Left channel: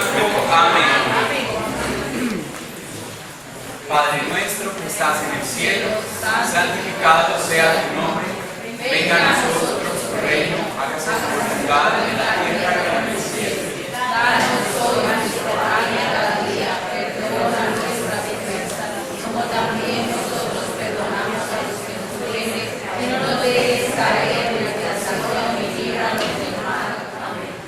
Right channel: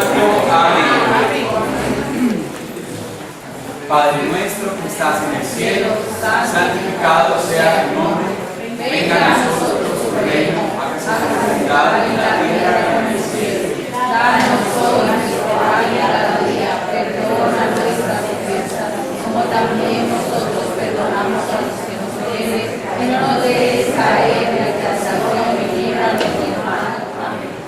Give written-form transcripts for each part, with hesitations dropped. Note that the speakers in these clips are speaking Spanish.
Santo. Amén. Padre nuestro que estás en el cielo, santificado sea tu nombre. Venga a nosotros tu reino, hágase tu voluntad en la tierra como en el cielo. Danos hoy nuestro pan de cada día, perdona nuestras ofensas, como también nosotros perdonamos a los que nos ofenden, y no nos dejes caer en la tentación y líbranos del mal. Amén.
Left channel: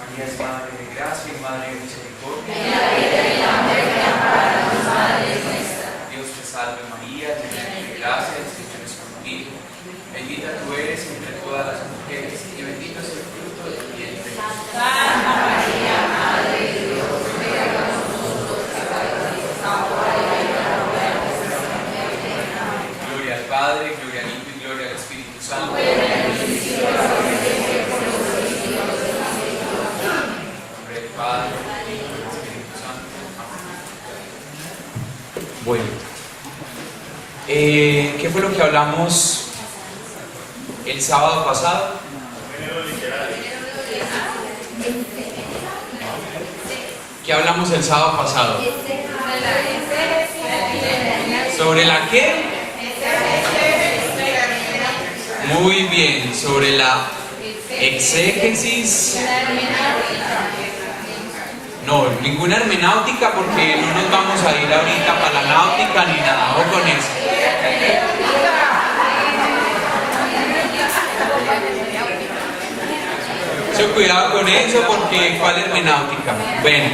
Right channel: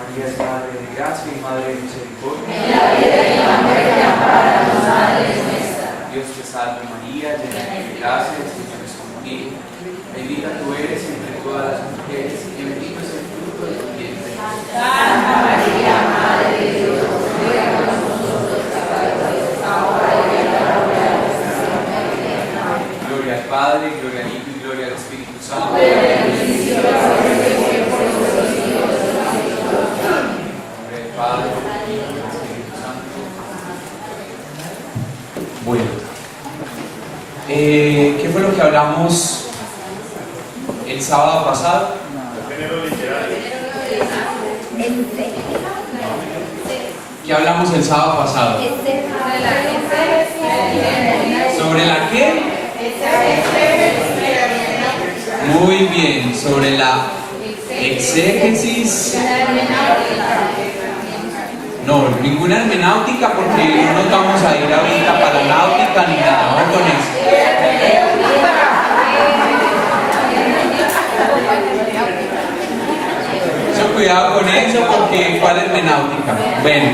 María es Madre de gracia y Madre de misericordia. En la vida y en la muerte, ampáranos, Madre nuestra. Dios te salve María, llena eres de gracia, el Señor es contigo. Bendita tú eres entre todas las mujeres y bendito es el fruto de tu vientre. Santa María, Madre de Dios, ruega por nosotros pecadores, ahora y en la hora de nuestra muerte. Amén. Gloria al Padre, gloria al Hijo y gloria al Espíritu Santo. En el principio, ahora y siempre, por los siglos de los siglos. Amén. En nombre del Padre, y del Espíritu Santo. Bueno, ¿qué fue lo que hablamos el sábado pasado? ¿Qué hablamos el sábado pasado? ¿Sobre la qué? Muy bien, sobre la exégesis. No, ninguna hermenáutica porque no nos vamos a ir ahorita para la náutica ni nada, ojo con eso. Mucho cuidado con eso porque ¿cuál hermenáutica? Bueno,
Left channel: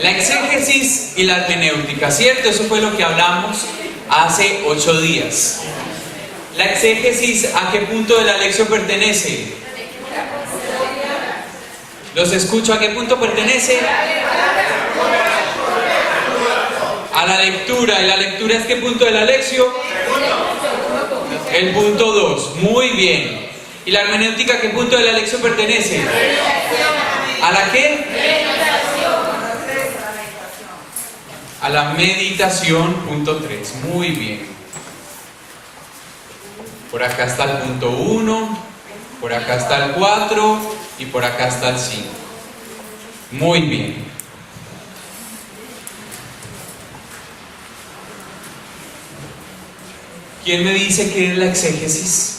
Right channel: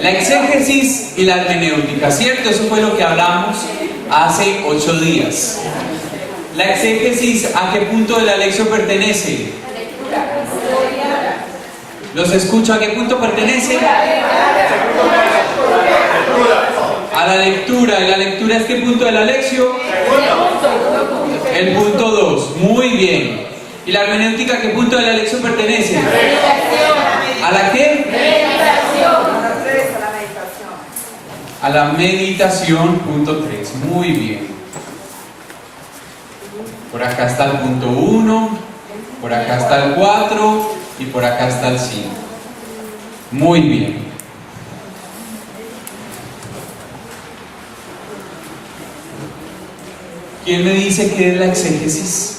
la exégesis y la hermenéutica, ¿cierto? Eso fue lo que hablamos hace 8 días. La exégesis, ¿a qué punto de la lección pertenece? Los escucho, ¿a qué punto pertenece? A la lectura. ¿Y la lectura es qué punto de la lección? El punto 2. Muy bien. ¿Y la hermenéutica a qué punto de la lección pertenece? ¿A la qué? A la meditación, punto 3. Muy bien. Por acá está el punto 1, por acá está el 4 y por acá está el 5. Muy bien. ¿Quién me dice qué es la exégesis?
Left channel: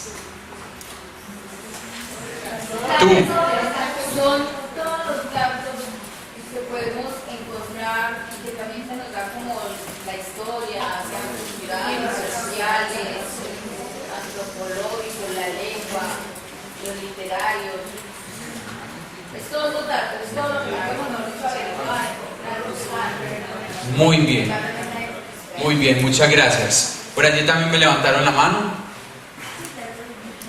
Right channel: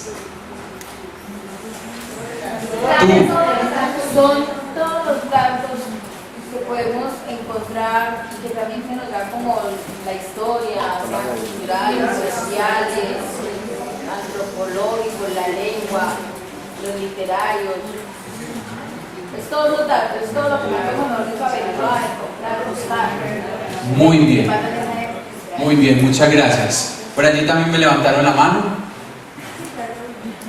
Tú. Son todos los datos que podemos encontrar, que también se nos da como la historia, sean culturales, sociales, antropológicos, la lengua, los literarios. Es todos los datos, es todo lo que podemos nosotros averiguar, encontrar, buscar. Muy bien. Muy bien, muchas gracias. Por allí también me levantaron la mano.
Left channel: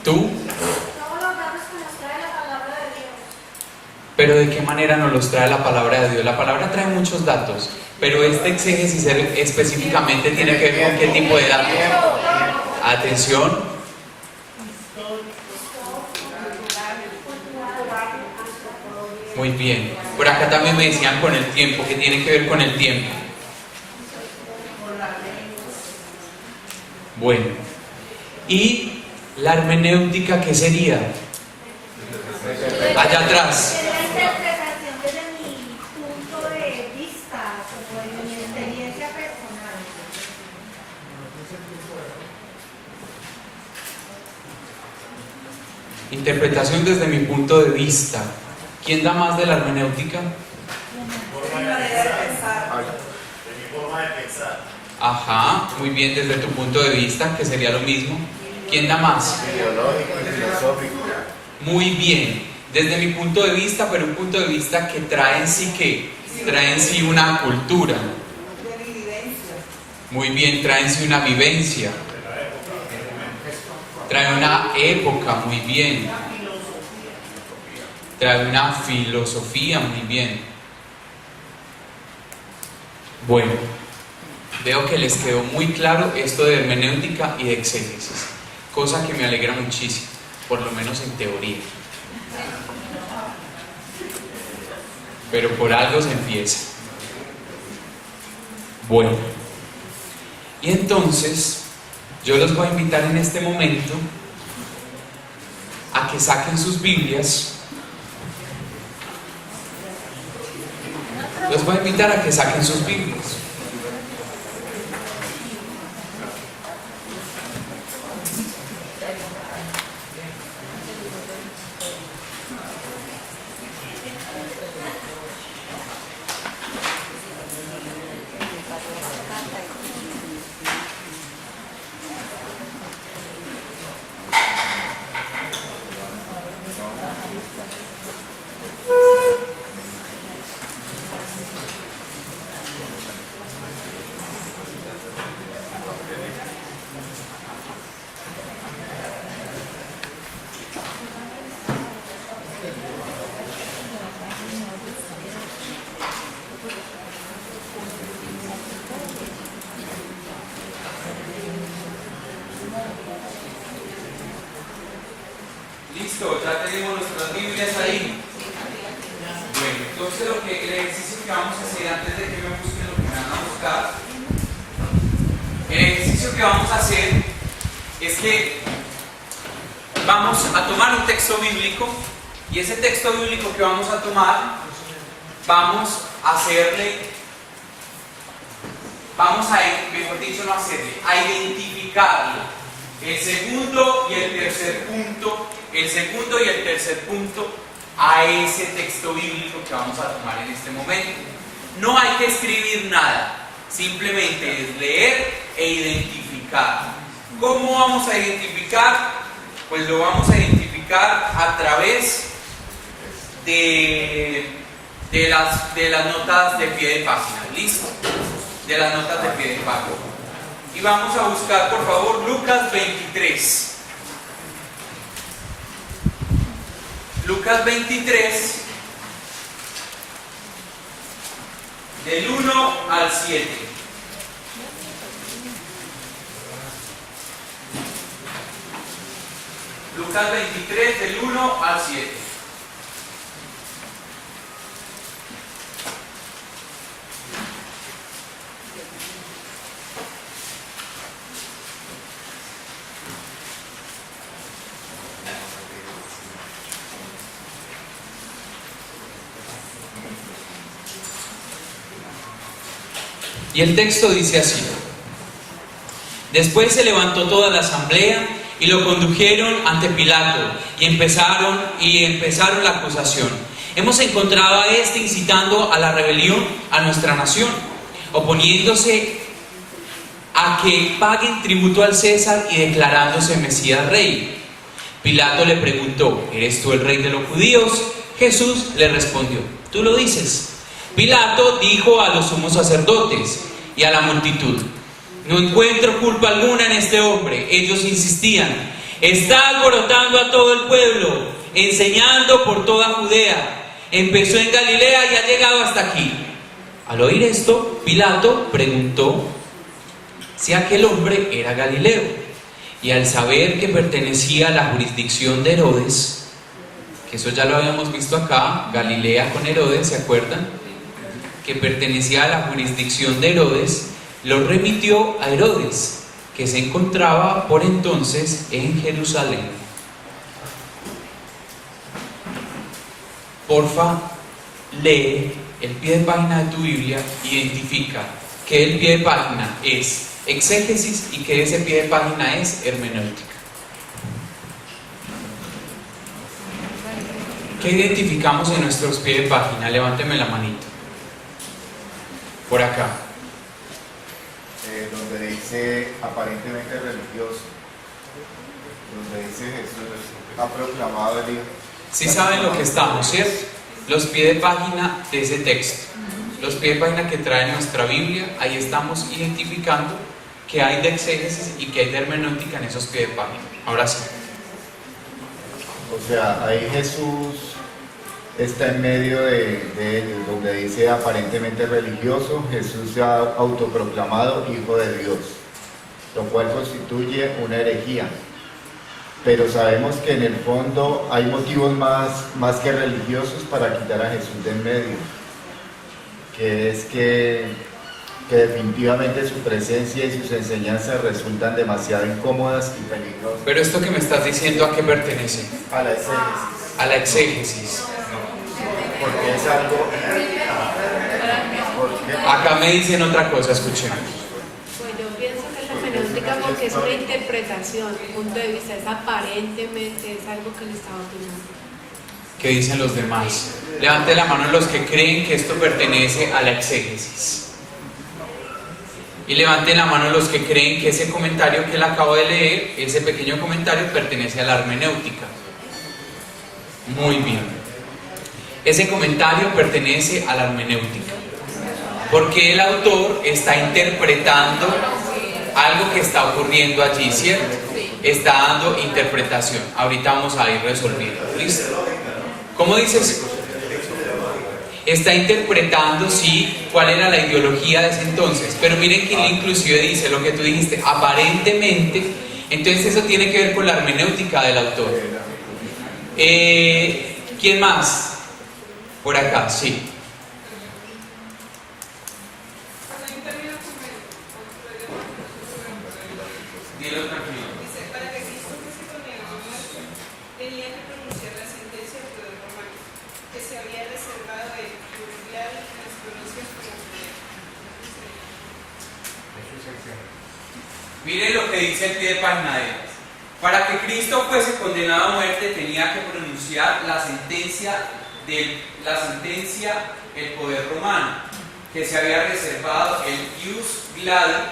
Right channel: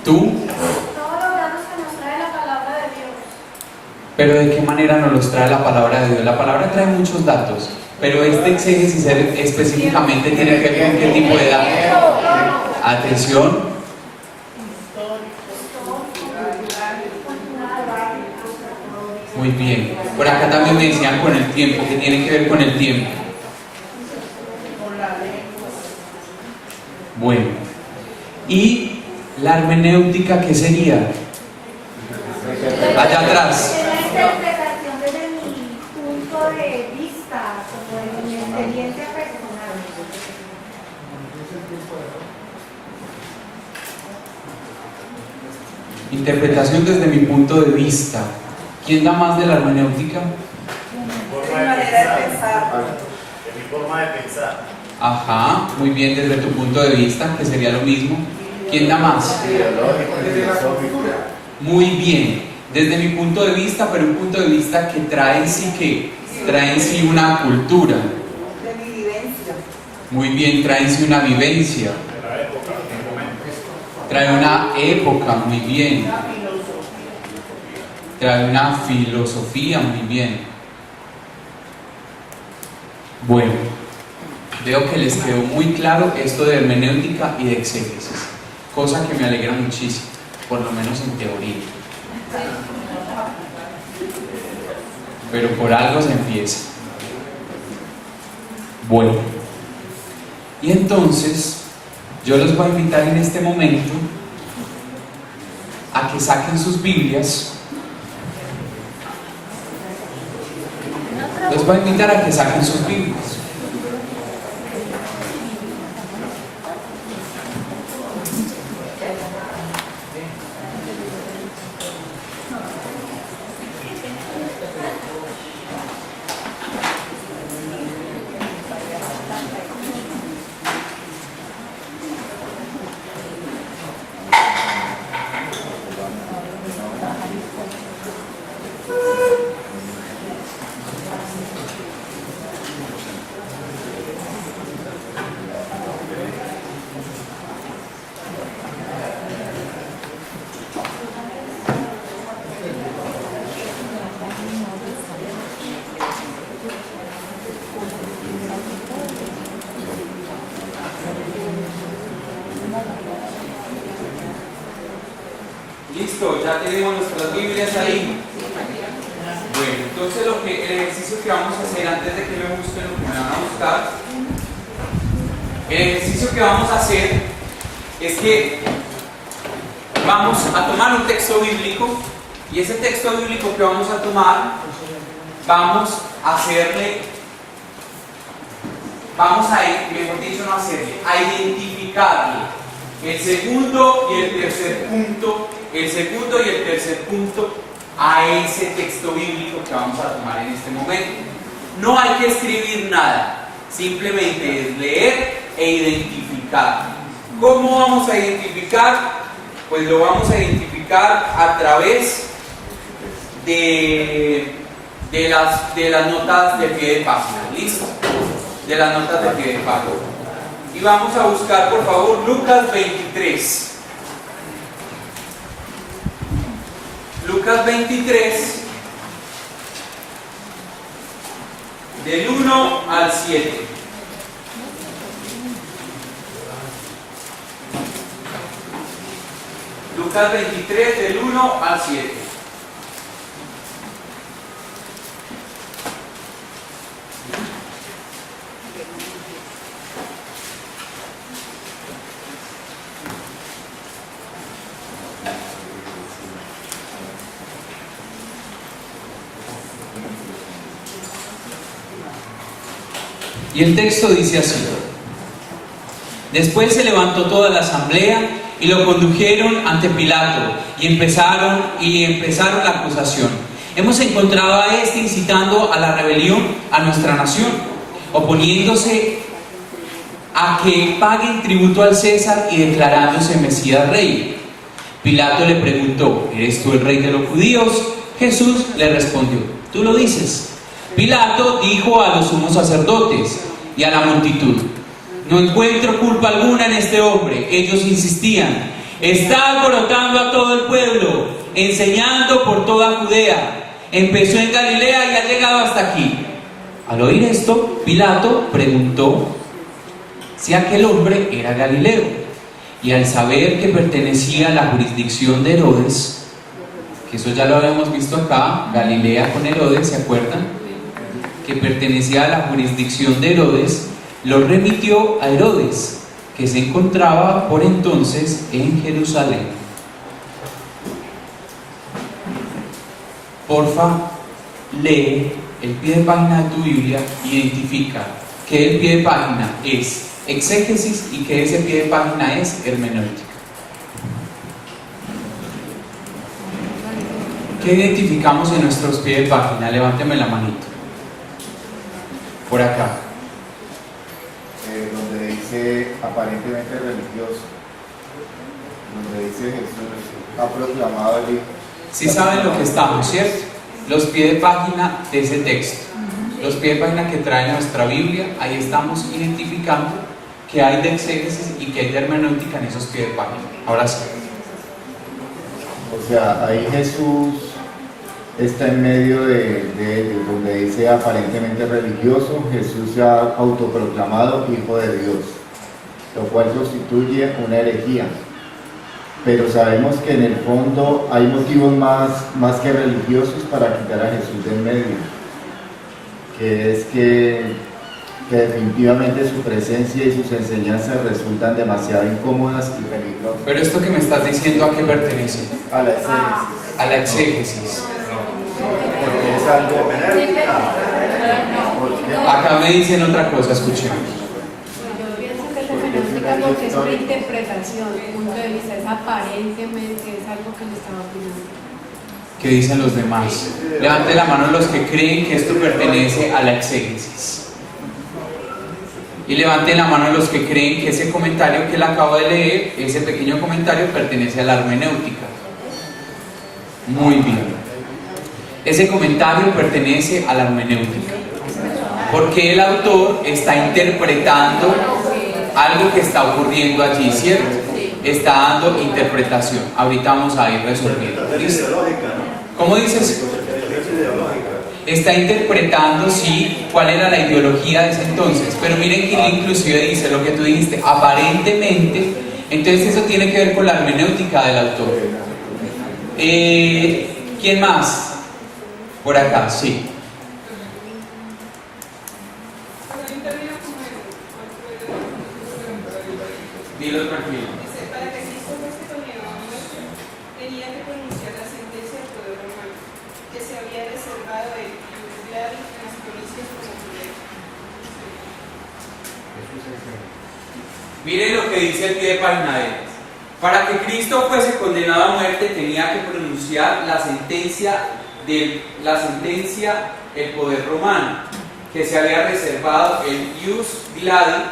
¿Tú? Pero ¿de qué manera nos los trae la palabra de Dios? La palabra trae muchos datos, pero este exégesis específicamente tiene que ver con qué tipo de datos. Atención. Muy bien. Por acá también me decían con el tiempo, que tiene que ver con el tiempo. Bueno. ¿Y la hermenéutica qué sería? Allá atrás. Interpretación desde mi punto de vista, sobre mi experiencia personal. Interpretación desde mi punto de vista. ¿Quién da más de la hermenéutica? Mi manera de pensar. De mi forma de pensar. Ajá, muy bien, desde tu punto de vista, que sería lo mismo. ¿Quién da más? Ideológico y filosófico. Muy bien, desde mi punto de vista, pero un punto de vista que trae en sí ¿qué? Trae en sí una cultura. De mi vivencia. Muy bien, trae en sí una vivencia. Trae una época, muy bien. Trae una filosofía, muy bien. Bueno, veo que les quedó muy claro esto de hermenéutica y de exégesis, cosa que me alegra muchísimo, por lo menos en teoría. Pero por algo se empieza. Bueno, y entonces yo los voy a invitar en este momento a que saquen sus Biblias Los voy a invitar a que saquen sus Biblias. Listo, ya tenemos nuestras Biblias ahí. Bueno, entonces el ejercicio que vamos a hacer antes de que me busquen lo que me van a buscar, el ejercicio que vamos a hacer es que vamos a tomar un texto bíblico y ese texto bíblico que vamos a tomar, vamos a identificarle el segundo y el tercer punto a ese texto bíblico que vamos a tomar en este momento. No hay que escribir nada, simplemente es leer e identificar. ¿Cómo vamos a identificar? Pues lo vamos a identificar a través de las notas de pie de página. ¿Listo? De las notas de pie de página. Y vamos a buscar, por favor, Lucas 23. Lucas 23, del 1 al 7. Lucas 23, del 1 al 7. Y el texto dice así: después se levantó toda la asamblea y lo condujeron ante Pilato y empezaron la acusación. Hemos encontrado a este incitando a la rebelión a nuestra nación, oponiéndose a que paguen tributo al César y declarándose Mesías rey. Pilato le preguntó: ¿eres tú el rey de los judíos? Jesús le respondió: tú lo dices. Pilato dijo a los sumos sacerdotes y a la multitud: no encuentro culpa alguna en este hombre. Ellos insistían: está alborotando a todo el pueblo, enseñando por toda Judea. Empezó en Galilea y ha llegado hasta aquí. Al oír esto, Pilato preguntó si aquel hombre era Galileo. Y al saber que pertenecía a la jurisdicción de Herodes, que eso ya lo habíamos visto acá, Galilea con Herodes, ¿se acuerdan? Que pertenecía a la jurisdicción de Herodes, lo remitió a Herodes, que se encontraba por entonces en Jerusalén. Porfa, lee el pie de página de tu Biblia, identifica que el pie de página es exégesis y que ese pie de página es hermenéutica. ¿Qué identificamos en nuestros pies de página? Levánteme la manito. Por acá. Donde dice aparentemente religioso, donde dice Jesús ha proclamado el Hijo. Sí saben lo que estamos, ¿cierto? Los pies de página de ese texto, los pies de página que trae nuestra Biblia, ahí estamos identificando que hay de exégesis y que hay de hermenéutica en esos pies de página. Ahora sí. O sea, ahí Jesús está en medio de ellos, donde dice aparentemente religioso. Jesús se ha autoproclamado Hijo de Dios, lo cual constituye una herejía. Pero sabemos que en el fondo hay motivos más que religiosos para quitar a Jesús del medio, que es que definitivamente su presencia y sus enseñanzas resultan demasiado incómodas y peligrosas. Pero esto que me estás diciendo, ¿a qué pertenece? A la exégesis. A la exégesis. Porque es algo Acá me dicen otra cosa, escuchemos. Pues yo pienso que es hermenéutica porque es una interpretación, punto de vista, es aparentemente, es algo que le estaba opinando. ¿Qué dicen los demás? Levante la mano los que creen que esto pertenece a la exégesis. Y levanten la mano los que creen que ese comentario que él acabo de leer, ese pequeño comentario, pertenece a la hermenéutica. Muy bien. Ese comentario pertenece a la hermenéutica. Porque el autor está interpretando algo que está ocurriendo allí, ¿cierto? Está dando interpretación. Ahorita vamos a ir resolviendo. ¿Listo? ¿Cómo dices? Está interpretando, sí, cuál era la ideología de ese entonces. Pero miren que inclusive dice lo que tú dijiste, aparentemente. Entonces eso tiene que ver con la hermenéutica del autor. ¿Quién más? Por acá, sí. Dilo tranquilo. Dice, para que Cristo fuese condenado a muerte, tenía que pronunciar la sentencia del poder romano, que se había reservado él y juzgar en las provincias como Judea. Miren lo que dice el pie de página de él. Para que Cristo fuese condenado a muerte tenía que pronunciar la sentencia el poder romano, que se había reservado el ius gladi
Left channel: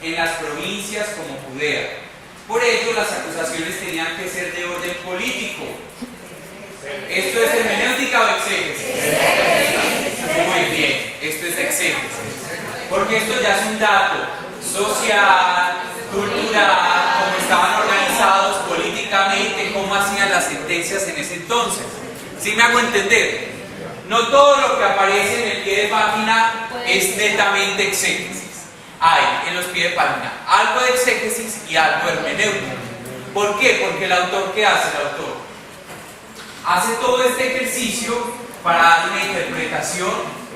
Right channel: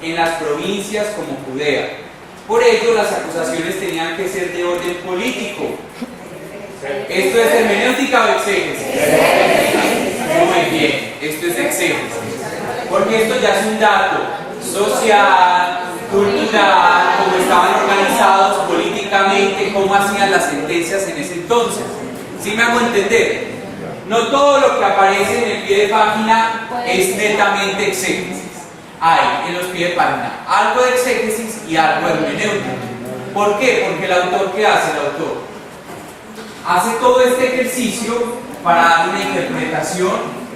en las provincias como Judea. Por ello las acusaciones tenían que ser de orden político. ¿Esto es hermenéutica o exégesis? Muy bien, esto es exégesis. Porque esto ya es un dato social, cultural, cómo estaban organizados políticamente, cómo hacían las sentencias en ese entonces. ¿Sí me hago entender? No todo lo que aparece en el pie de página es netamente exégesis. Hay en los pies de página algo de exégesis y algo de hermenéutica. ¿Por qué? Porque el autor, ¿qué hace el autor? Hace todo este ejercicio para dar una interpretación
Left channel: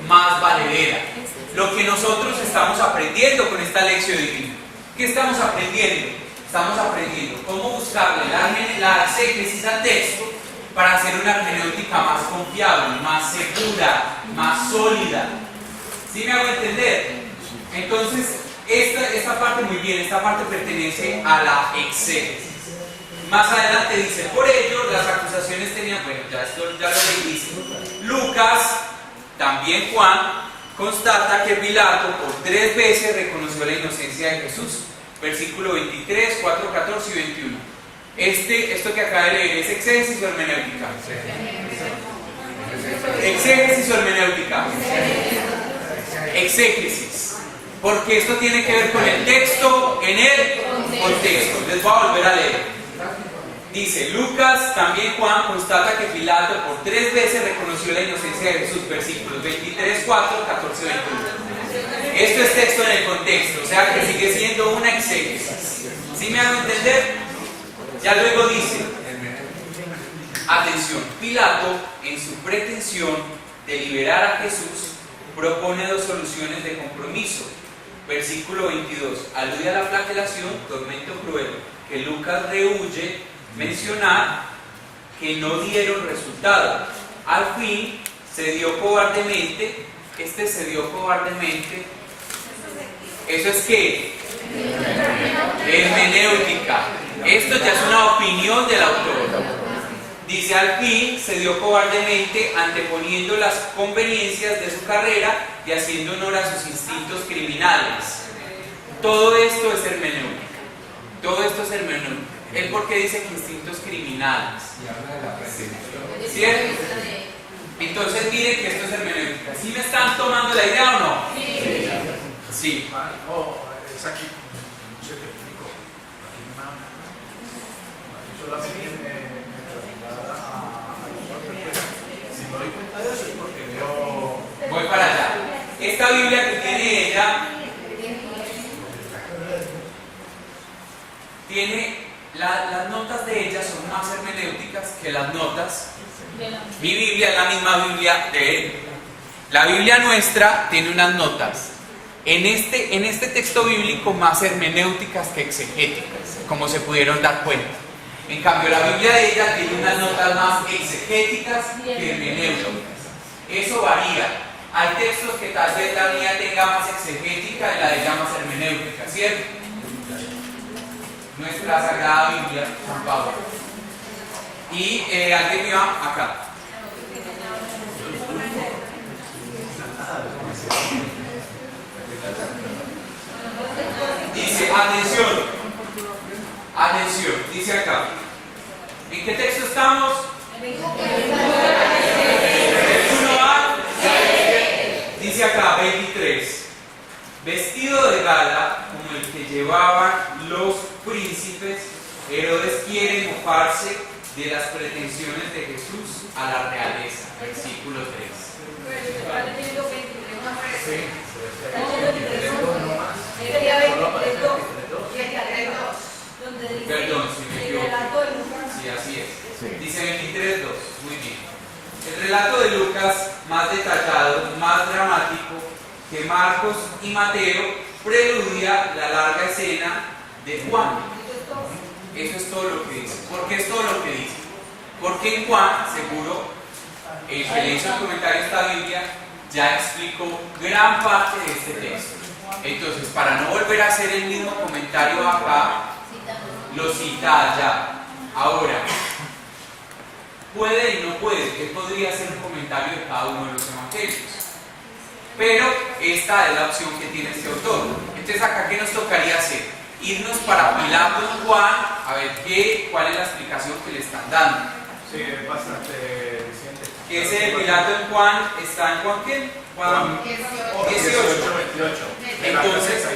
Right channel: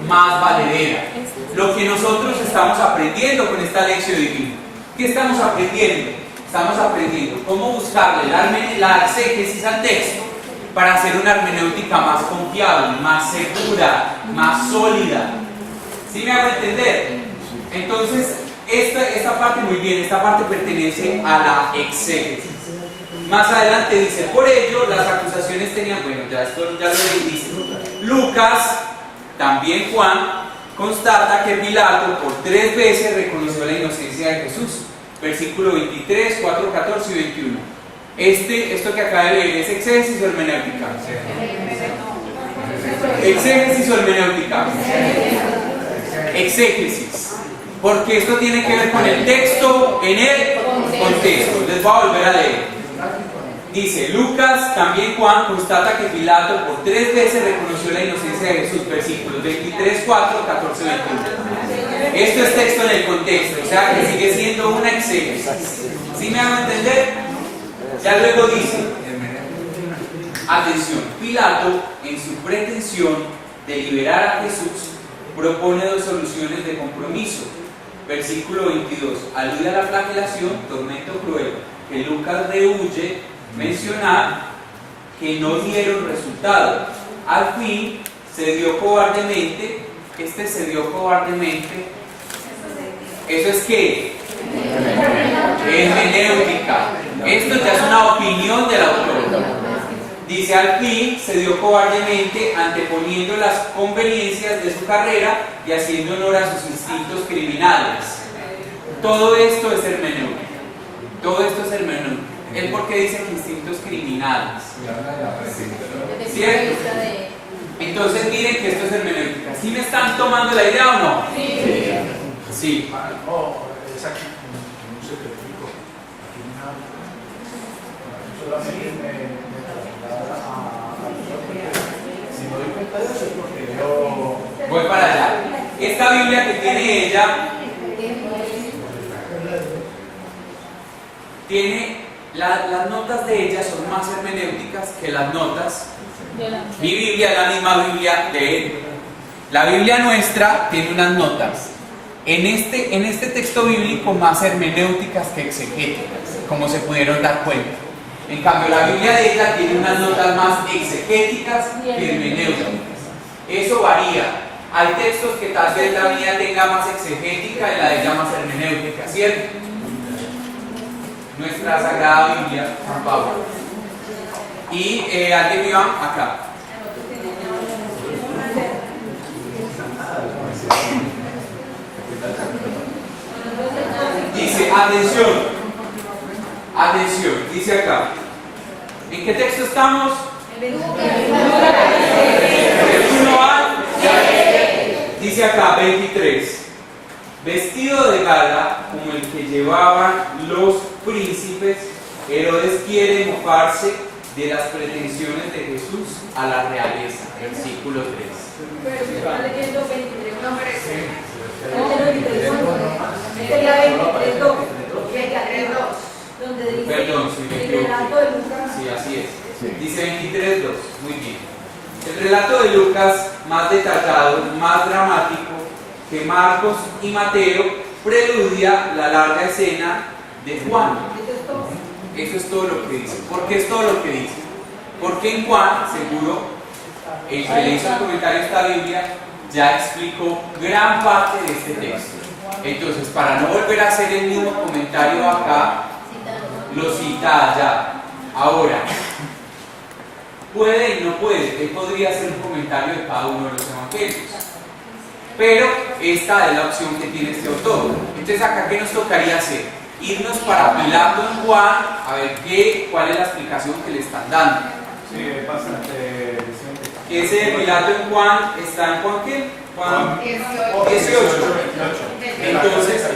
más valedera. Lo que nosotros estamos aprendiendo con esta lección divina. ¿Qué estamos aprendiendo? Estamos aprendiendo cómo buscarle la exégesis al texto para hacer una hermenéutica más confiable, más segura, más sólida. ¿Sí me hago entender? Entonces, esta parte muy bien, esta parte pertenece a la exégesis. Más adelante dice, por ello las acusaciones tenían, bueno, esto ya lo dice. Lucas, también Juan, constata que Pilato por 3 veces reconoció la inocencia de Jesús. Versículo 23, 4, 14 y 21. Esto que acaba de leer, ¿es exégesis o hermenéutica? ¿Exégesis o hermenéutica? Exégesis. Porque esto tiene que ver con el texto en el contexto. Les voy a volver a leer. Dice, Lucas, también Juan, constata que Pilato por 3 veces reconoció la inocencia de Jesús. Versículos 23, 4, 14, 21. Esto es texto en el contexto, o sea que sigue siendo una exégesis. ¿Sí me hago entender? Ya luego dice, atención, Pilato, en su pretensión de liberar a Jesús, propone 2 soluciones de compromiso. Versículo 22, alude a la flagelación, tormento cruel, que Lucas rehuye mencionar, que no dieron resultado. Al fin, se dio cobardemente. Se dio cobardemente. ¿Eso es qué? Hermenéutica. Esto ya es una opinión del autor. Dice, al fin se dio cobardemente, anteponiendo las conveniencias de su carrera y haciendo honor a sus instintos criminales. Todo esto es hermenéutica. Todo esto es hermenéutica. ¿Él por qué dice que instintos criminales? ¿Cierto? Entonces miren que esto es hermenéutica. ¿Sí me están tomando la idea o no? Sí. Sí. No, es aquí, no sé qué explico. Aquí solamente me traslada a si no doy cuenta de eso es porque yo voy para allá. Esta Biblia que tiene ella tiene las notas de ella son más hermenéuticas que las notas. Mi Biblia es la misma Biblia de él. La Biblia nuestra tiene unas notas en este texto bíblico más hermenéuticas que exegéticas, como se pudieron dar cuenta. En cambio, la Biblia de ella tiene unas notas más exegéticas que hermenéuticas. Eso varía. hay textos que tal vez la mía tenga más exegética y la de ella más hermenéutica, ¿cierto? Nuestra Sagrada Biblia, San Pablo. Y alguien iba acá. Dice, atención, dice acá. ¿En qué texto estamos? Del 1 al, dice acá, 23. Vestido de gala, como el que llevaban los príncipes, Herodes quiere mofarse de las pretensiones de Jesús a la realeza. Versículo 3. Perdón, si me equivoco. Sí, así es. Dice 23:2. Muy bien. El relato de Lucas, más detallado, más dramático que Marcos y Mateo, preludia la larga escena de Juan. Eso es todo lo que dice. ¿Por qué es todo lo que dice? Porque en Juan, seguro, el que le hizo el comentario a esta Biblia ya explicó gran parte de este texto. Entonces, para no volver a hacer el mismo comentario acá, lo cita allá. Ahora, puede y no puede. Él podría hacer un comentario de cada uno de los evangelios. Pero esta es la opción que tiene este autor. Entonces, acá, ¿qué nos tocaría hacer? Irnos para Pilato en Juan a ver cuál es la explicación que le están dando. Sí, es bastante decente. Que ese de Pilato en Juan está en Juan ¿qué? Juan 18. Entonces,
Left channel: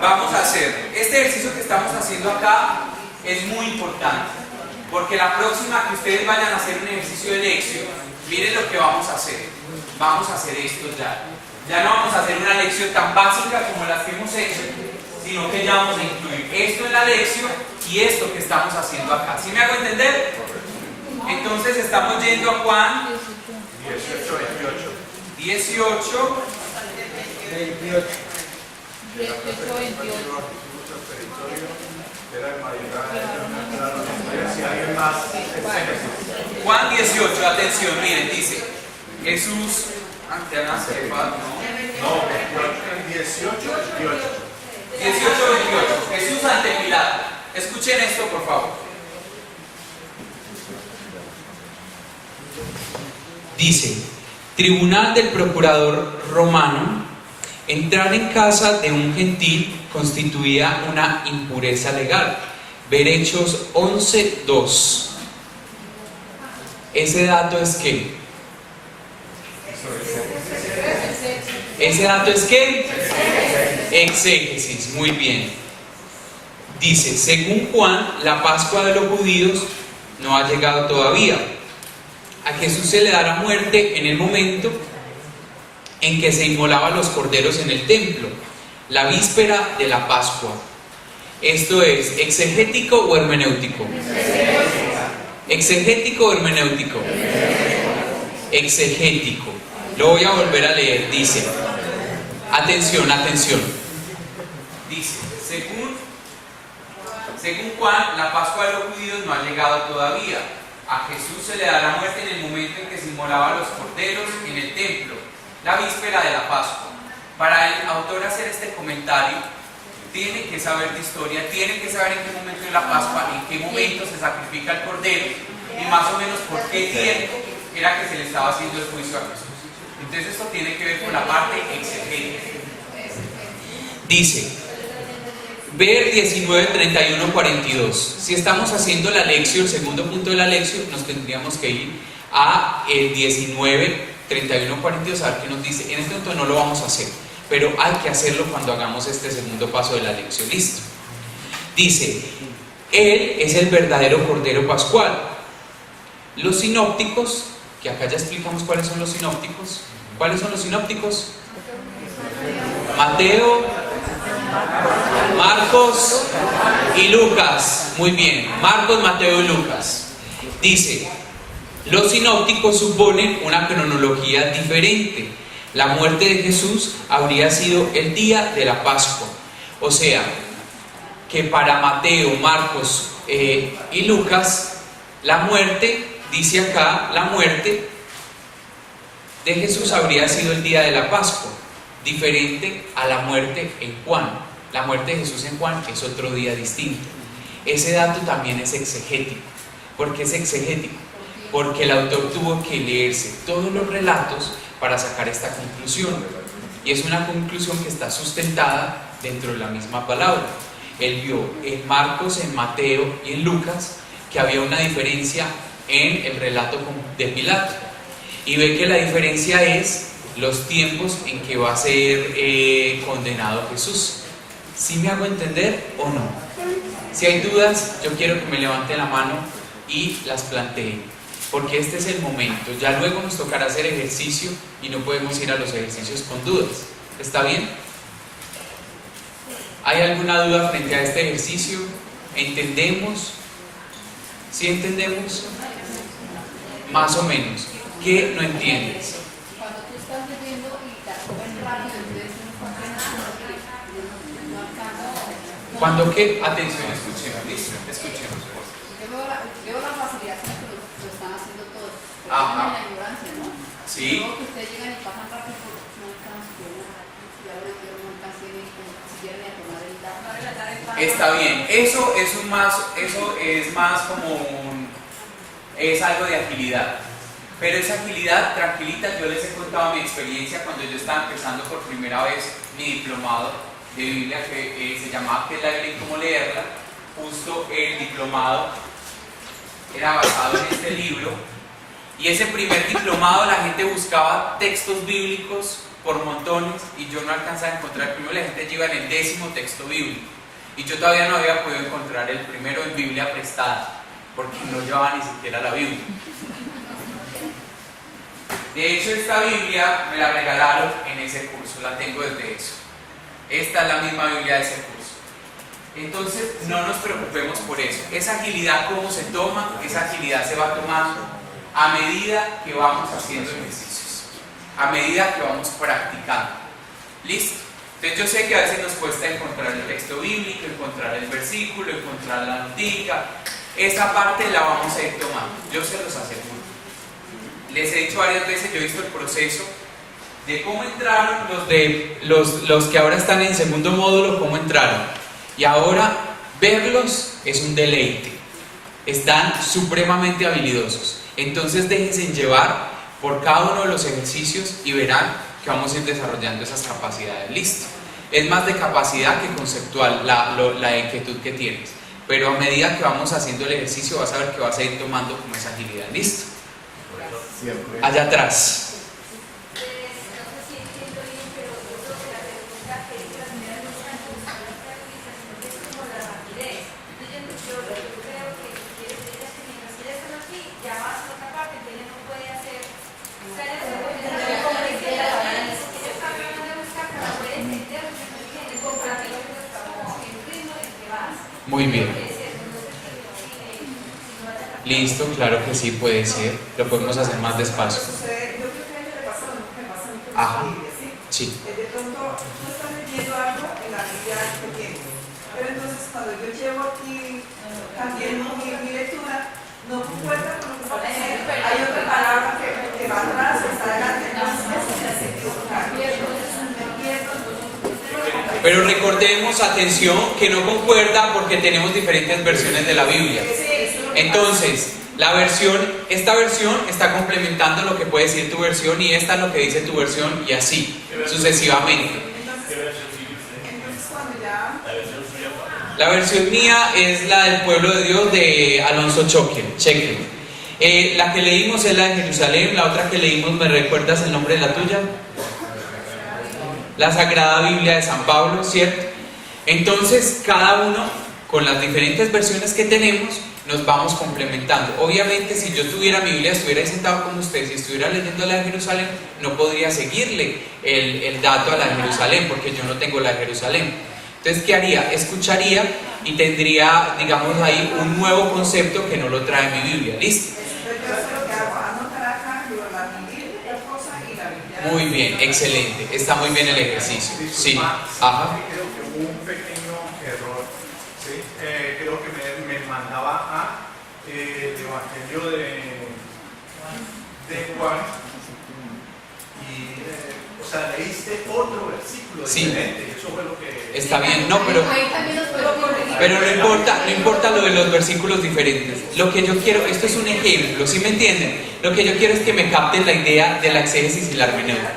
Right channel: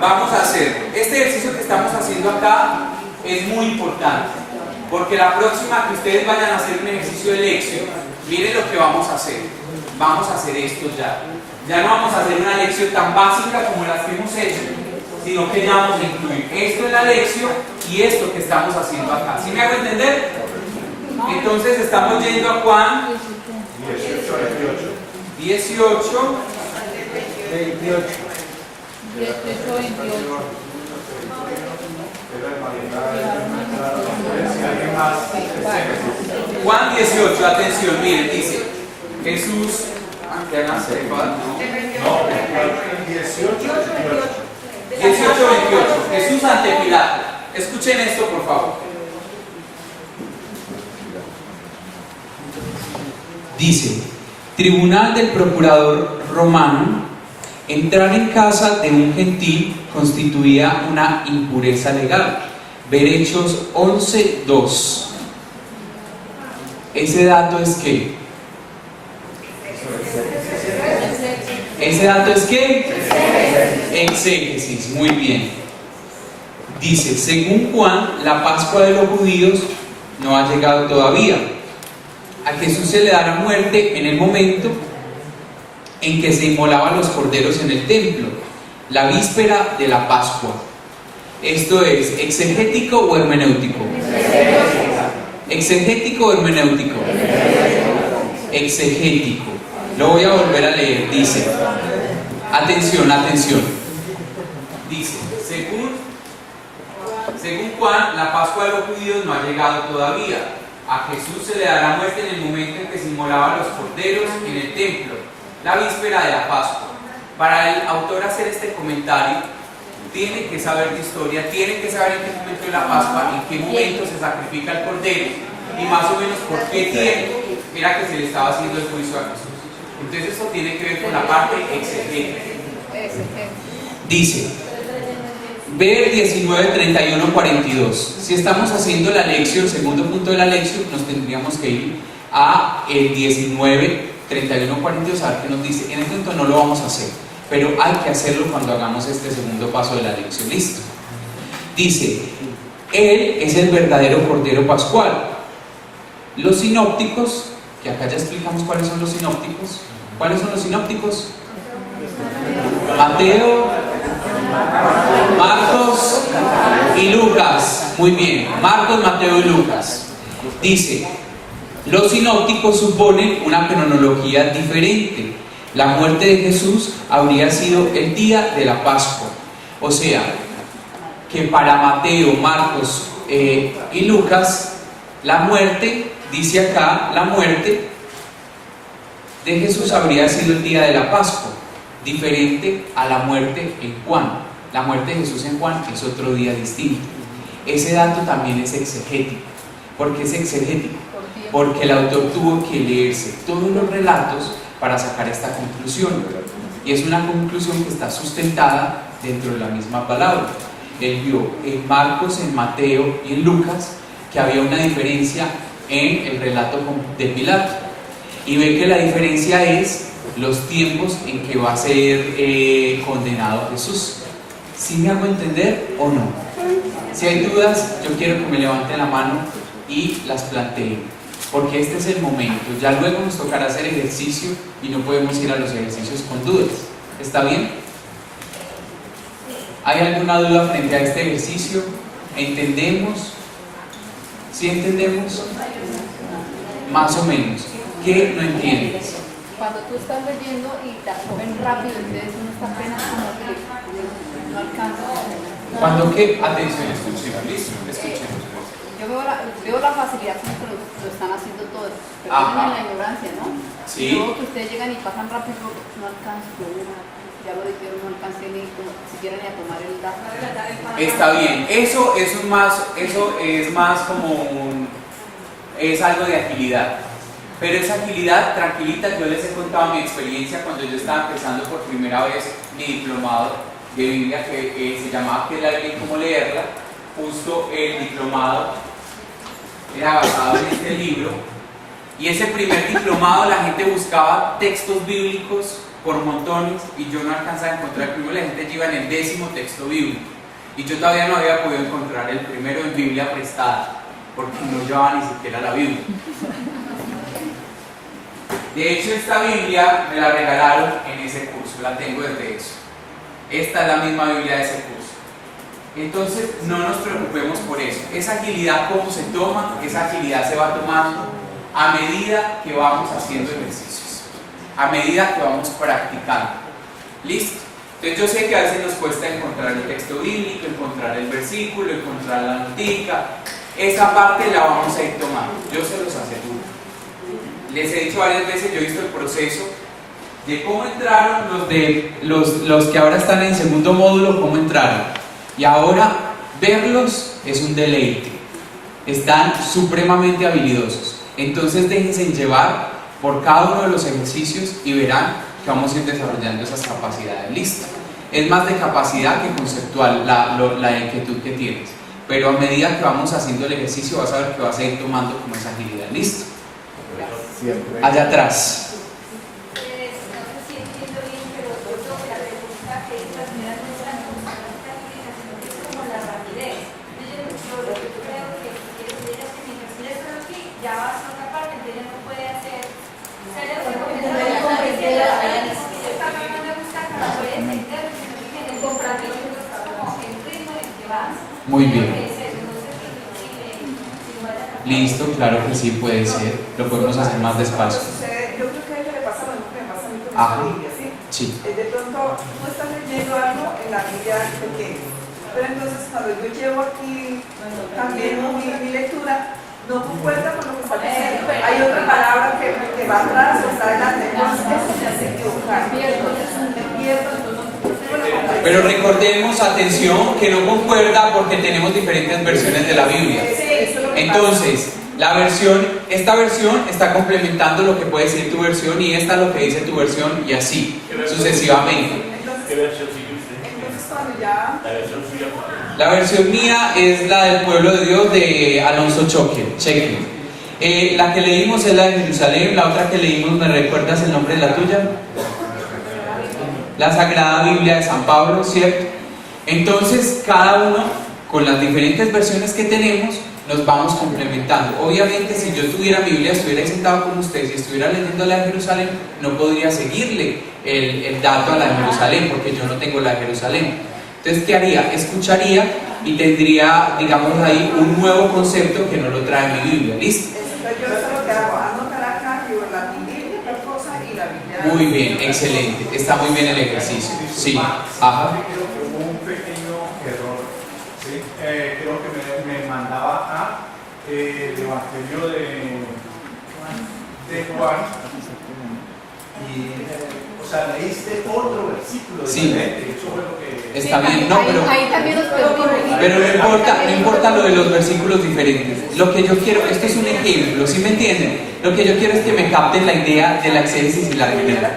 vamos a hacer este ejercicio que estamos haciendo acá, es muy importante, porque la próxima que ustedes vayan a hacer un ejercicio de lección, miren lo que vamos a hacer. Vamos a hacer esto ya. Ya no vamos a hacer una lección tan básica como las que hemos hecho, sino que ya vamos a incluir esto en la lección y esto que estamos haciendo acá. ¿Sí me hago entender? Entonces estamos yendo a Juan 18, 28. Juan 18, atención, miren, dice Jesús ante Anasefas, ¿no? 18, 28, Jesús ante Pilato. Escuchen esto, por favor. Dice: tribunal del procurador romano, entrar en casa de un gentil constituía una impureza legal. Ver Hechos 11:2. Ese dato es ¿qué? Ese dato es ¿qué? Exégesis, muy bien. Dice, según Juan, la Pascua de los judíos no ha llegado todavía. A Jesús se le dará muerte en el momento en que se inmolaban los corderos en el templo, la víspera de la Pascua. Esto es, ¿exegético o hermenéutico? ¿Exegético o hermenéutico? Exegético. Lo voy a volver a leer. Dice, atención. Dice, según Juan, la Pascua de los judíos no ha llegado todavía. A Jesús se le dará muerte en el momento en que se inmolaban los corderos en el templo, la víspera de la Pascua. Para el autor hacer este comentario, tiene que saber de historia, tiene que saber en qué momento de la Pascua, en qué momento se sacrifica el cordero y más o menos por qué tiempo era que se le estaba haciendo el juicio a Jesús. Entonces esto tiene que ver con la parte exegética. Dice, ver 19, 31, 42. Si estamos haciendo la lección, el segundo punto de la lección, nos tendríamos que ir a el 19, 31, 42, a ver qué nos dice. En este momento no lo vamos a hacer, pero hay que hacerlo cuando hagamos este segundo paso de la lección. Listo. Dice, Él es el verdadero Cordero Pascual. Los sinópticos, que acá ya explicamos cuáles son los sinópticos. ¿Cuáles son los sinópticos? Mateo, Marcos y Lucas. Muy bien, Marcos, Mateo y Lucas. Dice, los sinópticos suponen una cronología diferente. La muerte de Jesús habría sido el día de la Pascua. O sea, que para Mateo, Marcos y Lucas, la muerte, dice acá, la muerte de Jesús habría sido el día de la Pascua, diferente a la muerte en Juan. La muerte de Jesús en Juan es otro día distinto. Ese dato también es exegético. ¿Por qué es exegético? Porque el autor tuvo que leerse todos los relatos para sacar esta conclusión. Y es una conclusión que está sustentada dentro de la misma palabra. Él vio en Marcos, en Mateo y en Lucas que había una diferencia en el relato de Pilato. Y ve que la diferencia es los tiempos en que va a ser condenado Jesús. ¿Sí me hago entender o no? Si hay dudas, yo quiero que me levanten la mano y las planteen, porque este es el momento. Ya luego nos tocará hacer ejercicio y no podemos ir a los ejercicios con dudas. ¿Está bien? ¿Hay alguna duda frente a este ejercicio? ¿Entendemos? ¿Sí entendemos? Más o menos. ¿Qué no entiendes? Cuando tú estás leyendo y te cogen rápido, entonces no está apenas como que no alcanza. Cuando qué, atención, escuchemos, listo, escuchemos. Yo veo la facilidad con que lo están haciendo todos, pero Ajá. es la ignorancia, ¿no? Sí. Luego que ustedes llegan y pasan rápido porque no alcanzan, ya lo dijeron, no alcancé ni siquiera ni a tomar el dato. Está bien, eso es más como es algo de agilidad. Pero esa agilidad, tranquilita, yo les he contado mi experiencia cuando yo estaba empezando por primera vez mi diplomado de Biblia, que se llamaba ¿Qué es la Biblia y cómo leerla? Justo el diplomado era basado en este libro. Y ese primer diplomado la gente buscaba textos bíblicos por montones y yo no alcanzaba a encontrar. Primero la gente iba en el 10º texto bíblico y yo todavía no había podido encontrar el primero en Biblia prestada porque no llevaba ni siquiera la Biblia. De hecho, esta Biblia me la regalaron en ese curso, la tengo desde eso. Esta es la misma Biblia de ese curso. Entonces, no nos preocupemos por eso. Esa agilidad, ¿cómo se toma? Esa agilidad se va tomando a medida que vamos haciendo ejercicios, a medida que vamos practicando. ¿Listo? Entonces, yo sé que a veces nos cuesta encontrar el texto bíblico, encontrar el versículo, encontrar la notica. Esa parte la vamos a ir tomando, yo se los aseguro. Les he dicho varias veces, yo he visto el proceso de cómo entraron los que ahora están en segundo módulo, cómo entraron. Y ahora verlos es un deleite. Están supremamente habilidosos. Entonces déjense llevar por cada uno de los ejercicios y verán que vamos a ir desarrollando esas capacidades. Listo. Es más de capacidad que conceptual la inquietud que tienes. Pero a medida que vamos haciendo el ejercicio vas a ver que vas a ir tomando como esa agilidad. Listo. Siempre. Allá atrás. Muy bien. Listo, claro que sí, puede ser. Lo podemos hacer más despacio. Yo creo que a ella le pasa lo mismo que me pasa a mí con Ajá. la Biblia, ¿sí? Sí. De pronto no estás leyendo algo en la Biblia pequeña, pero entonces cuando yo llevo aquí también mi lectura, no concuerda con lo que está diciendo. Hay otra palabra que va atrás o está adelante, entonces eso se hace equivocar. Pero recordemos, atención, que no concuerda porque tenemos diferentes versiones de la Biblia. Entonces, esta versión está complementando lo que puede decir tu versión y esta lo que dice tu versión y así, sucesivamente. La versión mía es la del pueblo de Dios de Alonso Cheque. La que leímos es la de Jerusalén, la otra que leímos, ¿me recuerdas el nombre de la tuya? La Sagrada Biblia de San Pablo, ¿cierto? Entonces, cada uno, con las diferentes versiones que tenemos, nos vamos complementando. Obviamente, si yo tuviera mi Biblia, estuviera sentado con ustedes y estuviera leyendo la de Jerusalén, no podría seguirle el dato a la de Jerusalén, porque yo no tengo la de Jerusalén. Entonces, ¿qué haría? Escucharía y tendría, digamos ahí, un nuevo concepto que no lo trae mi Biblia. ¿Listo? Muy bien, excelente. Está muy bien el ejercicio. Sí. Ajá. Hubo un pequeño error. ¿Sí? Creo que me mandaba a el Evangelio de Juan. O sea, leíste otro versículo diferente. Eso fue lo que... Está bien, no, pero... Ahí también nos preocupa. Pero no importa lo de los versículos diferentes. Lo que yo quiero, esto es un ejemplo, ¿sí me entienden? Lo que yo quiero es que me capten la idea de la exégesis y la hermenéutica.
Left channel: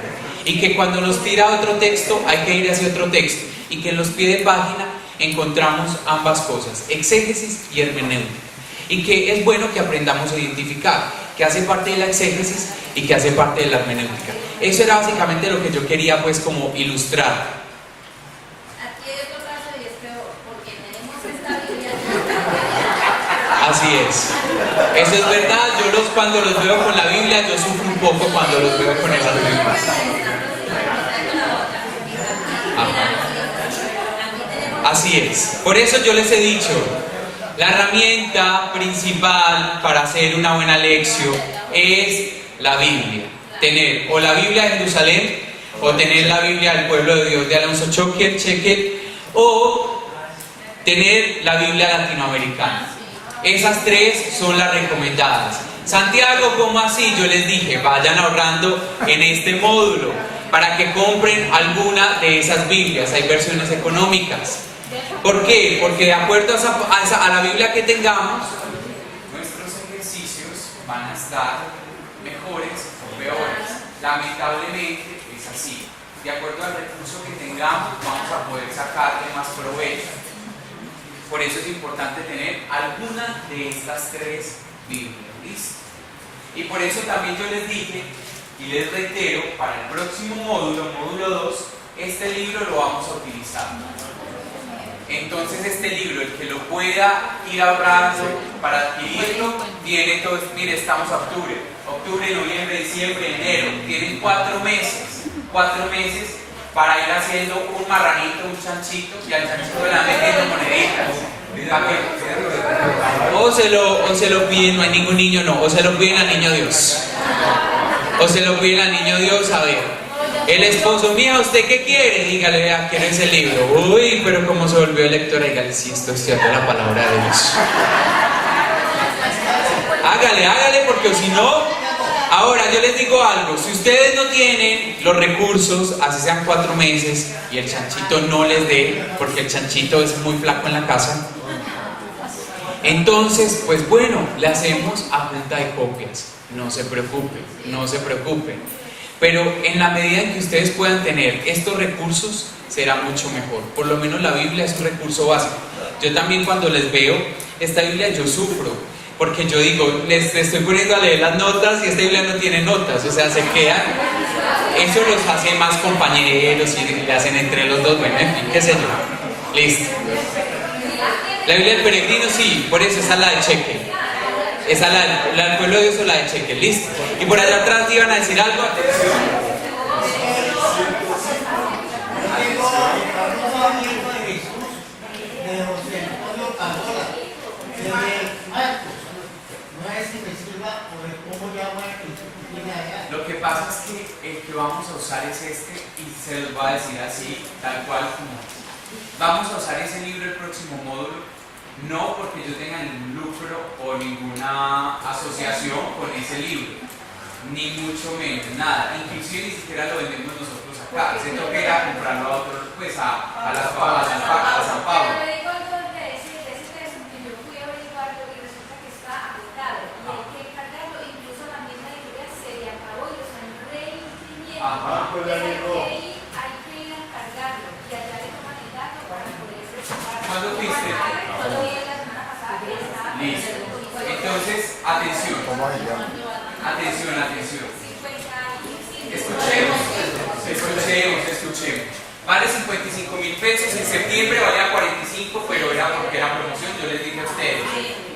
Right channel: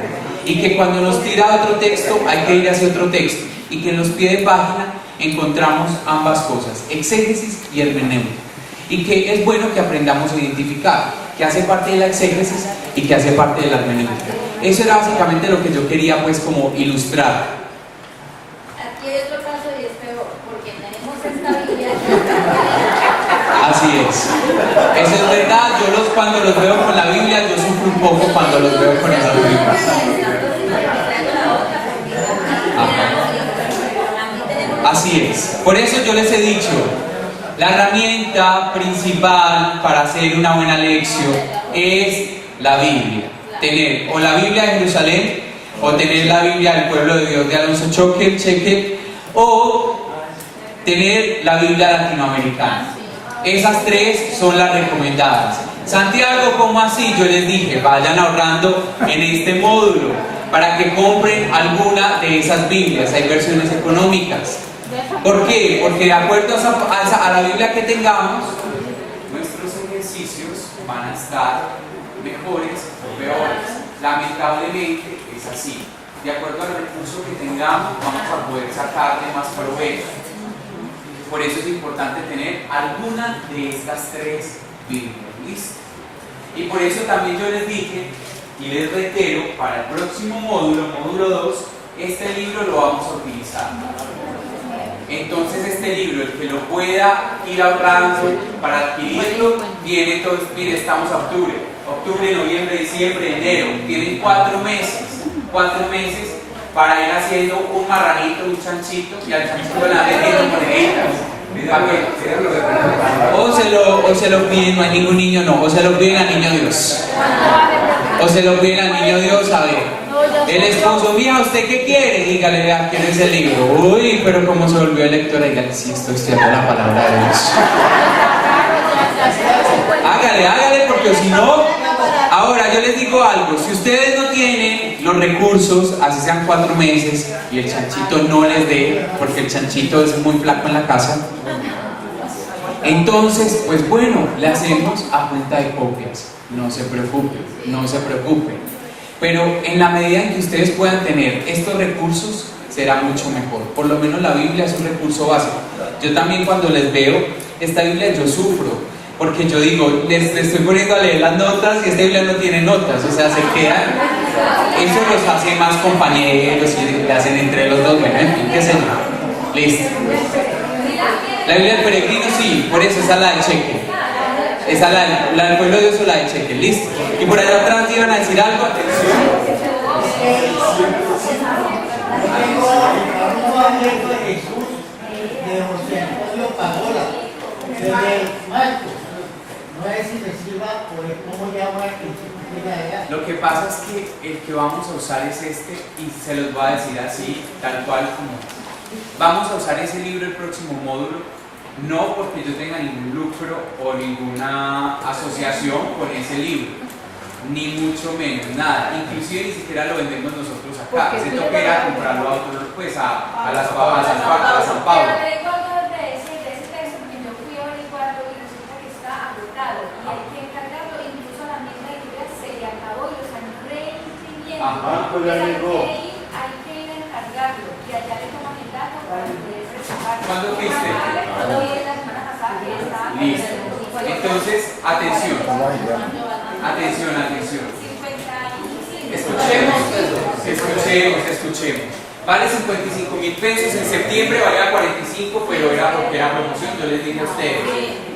Y que cuando nos tira otro texto, hay que ir hacia otro texto. Y que en los pies de página encontramos ambas cosas, exégesis y hermenéutica. Y que es bueno que aprendamos a identificar que hace parte de la exégesis y que hace parte de la hermenéutica. Eso era básicamente lo que yo quería pues como ilustrar. Aquí hay otro caso y es peor, porque tenemos esta Biblia. Así es. Eso es verdad. Cuando los veo con la Biblia, yo sufro un poco cuando los veo con el Biblia. Así es. Por eso yo les he dicho, la herramienta principal para hacer una buena lección es la Biblia. Tener o la Biblia de Jerusalén, o tener la Biblia del pueblo de Dios de Alonso Cheque, o tener la Biblia latinoamericana. Esas tres son las recomendadas. Santiago, ¿cómo así? Yo les dije, vayan ahorrando en este módulo para que compren alguna de esas Biblias. Hay versiones económicas. ¿Por qué? Porque de acuerdo a la Biblia que tengamos, nuestros ejercicios van a estar mejores o peores. Lamentablemente es así. De acuerdo al recurso que tengamos, vamos a poder sacarle más provecho. Por eso es importante tener alguna de estas tres Biblias. ¿Listo? Y por eso también yo les dije y les reitero, para el próximo módulo, módulo 2, este libro lo vamos a utilizar. Entonces este libro, el que lo pueda ir ahorrando para adquirirlo, tiene todo, mire, estamos a octubre, noviembre, diciembre, enero, tienen 4 meses para ir haciendo un marranito, un chanchito, y al chanchito le van metiendo moneditas. O se lo piden, no hay ningún niño, no, o se lo piden al niño Dios. O se lo piden al niño Dios, a ver. El esposo, mija, ¿usted qué quiere? Dígale, vea, quiero ese libro. Uy, pero como se volvió lectora, dígale, sí, estoy estudiando la palabra de Dios. Hágale, porque si no. Ahora, yo les digo algo, si ustedes no tienen los recursos, así sean 4 meses, y el chanchito no les dé, porque el chanchito es muy flaco en la casa, entonces, pues bueno, le hacemos a punta de copias. No se preocupen. Pero en la medida en que ustedes puedan tener estos recursos, será mucho mejor. Por lo menos la Biblia es un recurso básico. Yo también cuando les veo esta Biblia, yo sufro. Porque yo digo, les estoy poniendo a leer las notas y esta Biblia no tiene notas. O sea, se quedan. Eso los hace más compañeros y le hacen entre los dos. Bueno, en fin, qué sé yo. Listo. La Biblia del peregrino, sí, por eso esa es la de Cheque. Esa es la del pueblo de Dios o la de Cheque, listo. Y por allá atrás iban a decir algo, atención. Lo que pasa es que el que vamos a usar es este, y se los voy a decir así, tal cual como es. Vamos a usar ese libro el próximo módulo, no porque yo tenga ningún lucro o ninguna asociación con ese libro, ni mucho menos, nada. Inclusive ni siquiera lo vendemos nosotros acá. Se toca ir a comprarlo a otro, pues a San Pablo. Ajá, pues ya llegó. Hay que ir a cargarlo y allá le toman el dato para poder presentar. ¿Cuándo fuiste? Cuando vi la semana pasada. Listo. Entonces, atención. Escuchemos. Vale 55.000 pesos. En septiembre valía 45, pero era porque era promoción, yo les dije a ustedes.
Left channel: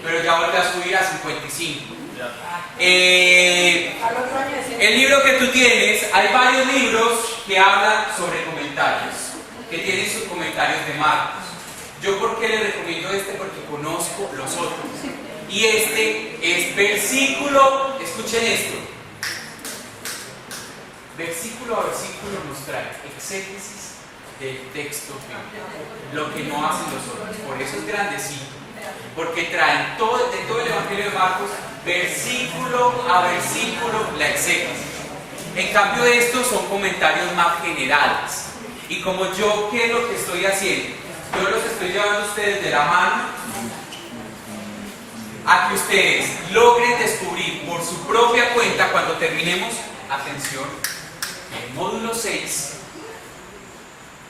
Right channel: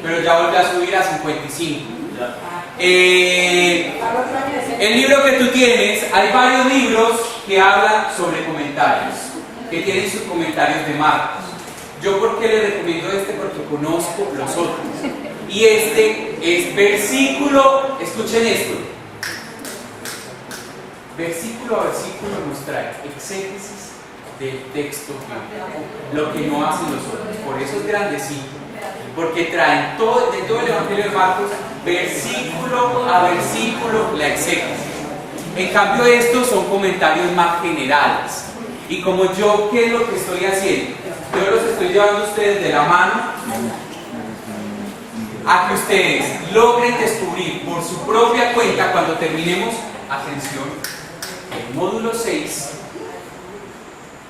Pero ya volvió a subir a 55. El libro que tú tienes, hay varios libros que hablan sobre comentarios, que tienen sus comentarios de Marcos. Yo, ¿por qué les recomiendo este? Porque conozco los otros. Y este es versículo, escuchen esto. Versículo a versículo nos trae exégesis del texto bíblico, lo que no hacen los otros. Por eso es grandecito, porque traen de todo el Evangelio de Marcos, versículo a versículo, la exégesis. En cambio estos son comentarios más generales. Y como yo, ¿qué es lo que estoy haciendo? Yo los estoy llevando a ustedes de la mano a que ustedes logren descubrir por su propia cuenta cuando terminemos, atención, el módulo 6.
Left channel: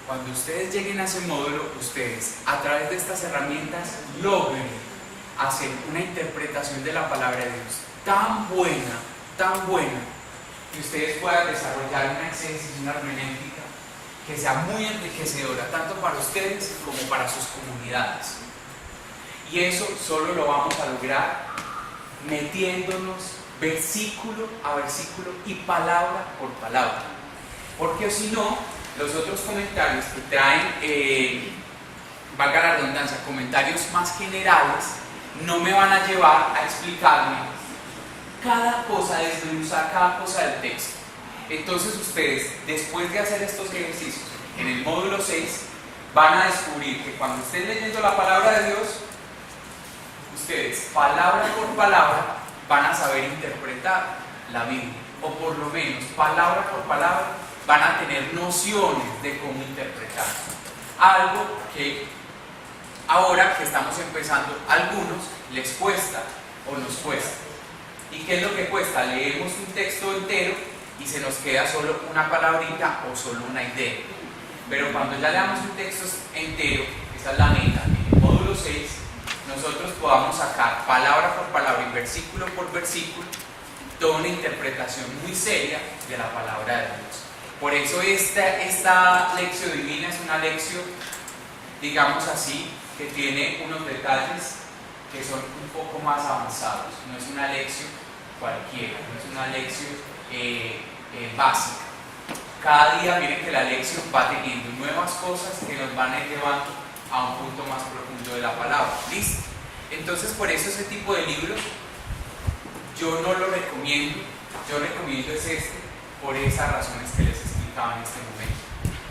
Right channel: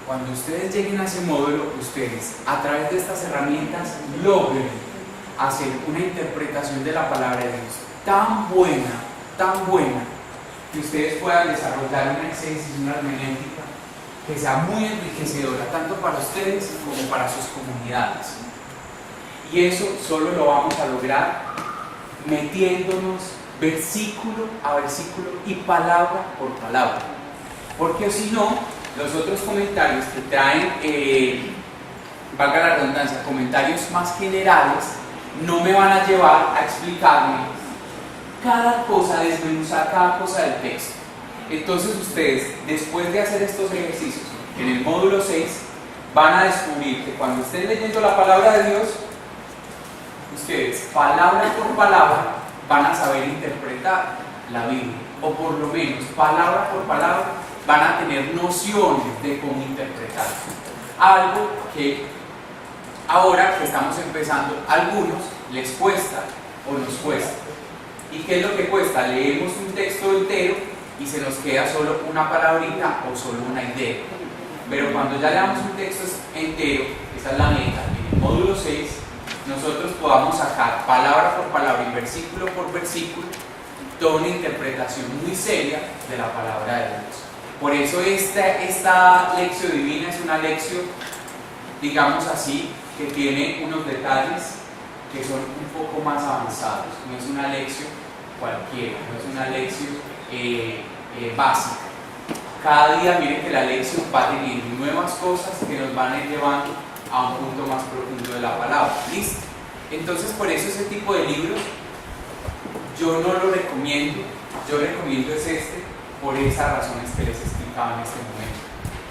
Cuando ustedes lleguen a ese módulo, ustedes a través de estas herramientas logren hacer una interpretación de la palabra de Dios tan buena, que ustedes puedan desarrollar una exégesis, una hermenéutica que sea muy enriquecedora tanto para ustedes como para sus comunidades. Y eso solo lo vamos a lograr metiéndonos versículo a versículo y palabra por palabra, porque si no, los otros comentarios que traen, valga la redundancia, comentarios más generales, no me van a llevar a explicarme cada cosa, desmenuzar cada cosa del texto. Entonces ustedes, después de hacer estos ejercicios en el módulo 6, van a descubrir que cuando estén leyendo la palabra de Dios, ustedes, palabra por palabra, van a saber interpretar la Biblia, o por lo menos, palabra por palabra, van a tener nociones de cómo interpretar. Algo que ahora que estamos empezando, a algunos les cuesta o nos cuesta. ¿Y qué es lo que cuesta? Leemos un texto entero y se nos queda solo una palabrita o solo una idea. Pero cuando ya leamos un texto entero, esa es la meta, en el módulo 6, nosotros podamos sacar palabra por palabra y versículo por versículo toda una interpretación muy seria de la palabra de Dios. Por eso esta lección divina es una lección, digamos así, que tiene unos detalles que son un poco más avanzados. No es una lección cualquiera, no es una lección básica. Cada día miren que la lección va teniendo nuevas cosas que nos van a ir llevando a un punto más profundo de la palabra. ¿Listo? Entonces por eso ese tipo de libros yo no lo recomiendo. Yo recomiendo es por esas razones que les explicaba en este momento.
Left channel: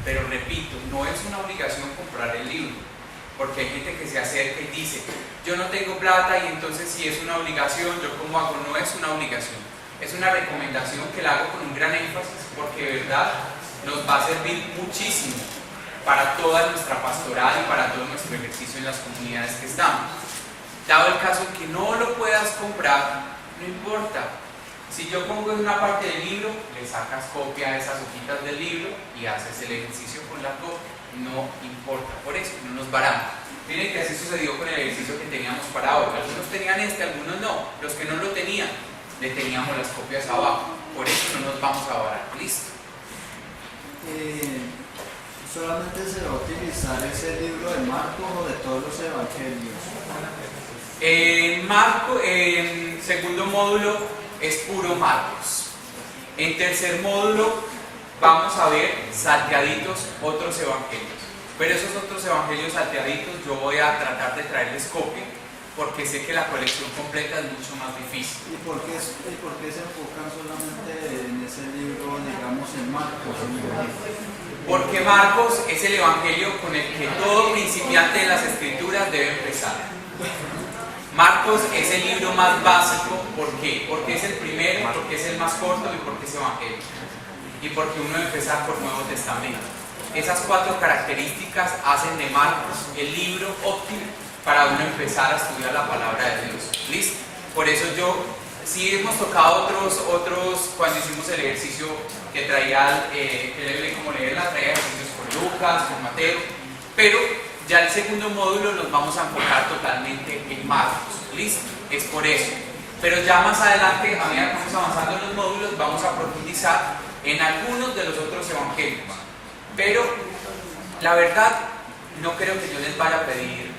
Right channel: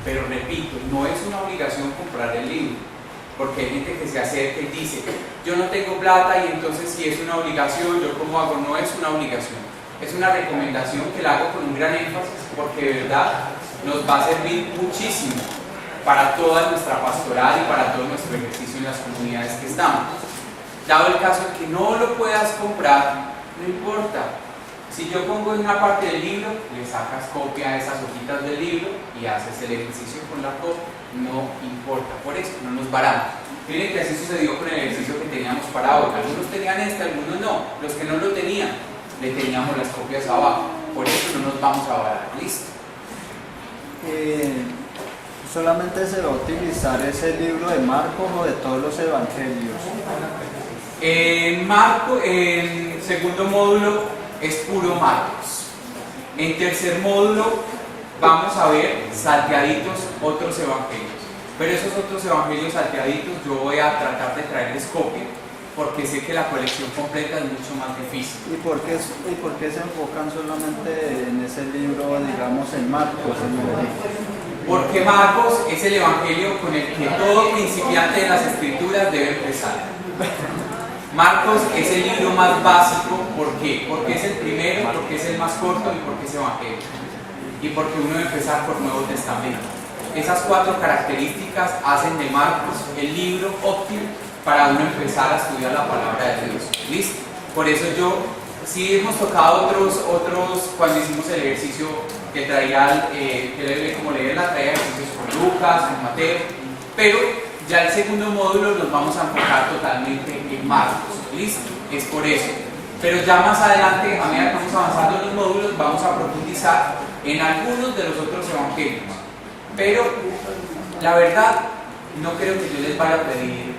Pero repito, no es una obligación comprar el libro, porque hay gente que se acerca y dice, yo no tengo plata y entonces si es una obligación, ¿yo cómo hago? No es una obligación, es una recomendación que la hago con un gran énfasis, porque de verdad nos va a servir muchísimo para toda nuestra pastoral y para todo nuestro ejercicio en las comunidades que estamos. Dado el caso en que no lo puedas comprar, no importa. Si yo pongo en una parte del libro, le sacas copia a esas hojitas del libro y haces el ejercicio con la copia, no importa, por eso no nos varamos. Miren que así sucedió con el ejercicio que teníamos para hoy. Algunos tenían algunos no. Los que no lo tenían, le teníamos las copias abajo. Por eso no nos vamos a varar. ¿Listo? ¿Solamente se va a utilizar ese libro de Marcos o de todos los evangelios? En segundo módulo es puro Marcos. En tercer módulo vamos a ver salteaditos otros evangelios. Pero esos otros evangelios salteaditos yo voy a tratar de traerles copia, porque sé que la colección completa es mucho más difícil. ¿Y por qué se enfocan solamente en ese libro, digamos, en Marcos? Porque Marcos es el evangelio con el que todo principiante de las escrituras debe empezar. Marcos es el libro más básico. ¿Por qué? Porque es el primero, porque es el más corto y porque es evangelio. Y porque uno debe empezar por Nuevo Testamento. Esas 4 características hacen de Marcos el libro óptimo para uno empezar a estudiar la palabra de Dios. ¿Listo? Por eso sí hemos tocado otros cuando hicimos el ejercicio que traía, como leerla, traía ejercicios con Lucas, con Mateo, pero ya el segundo módulo nos vamos a enfocar totalmente en Marcos. ¿Listo? Es por eso. Pero ya más adelante, a medida que vamos avanzando en los módulos, vamos a profundizar en algunos de los otros evangelios. Pero la verdad, no creo que yo les vaya a pedir,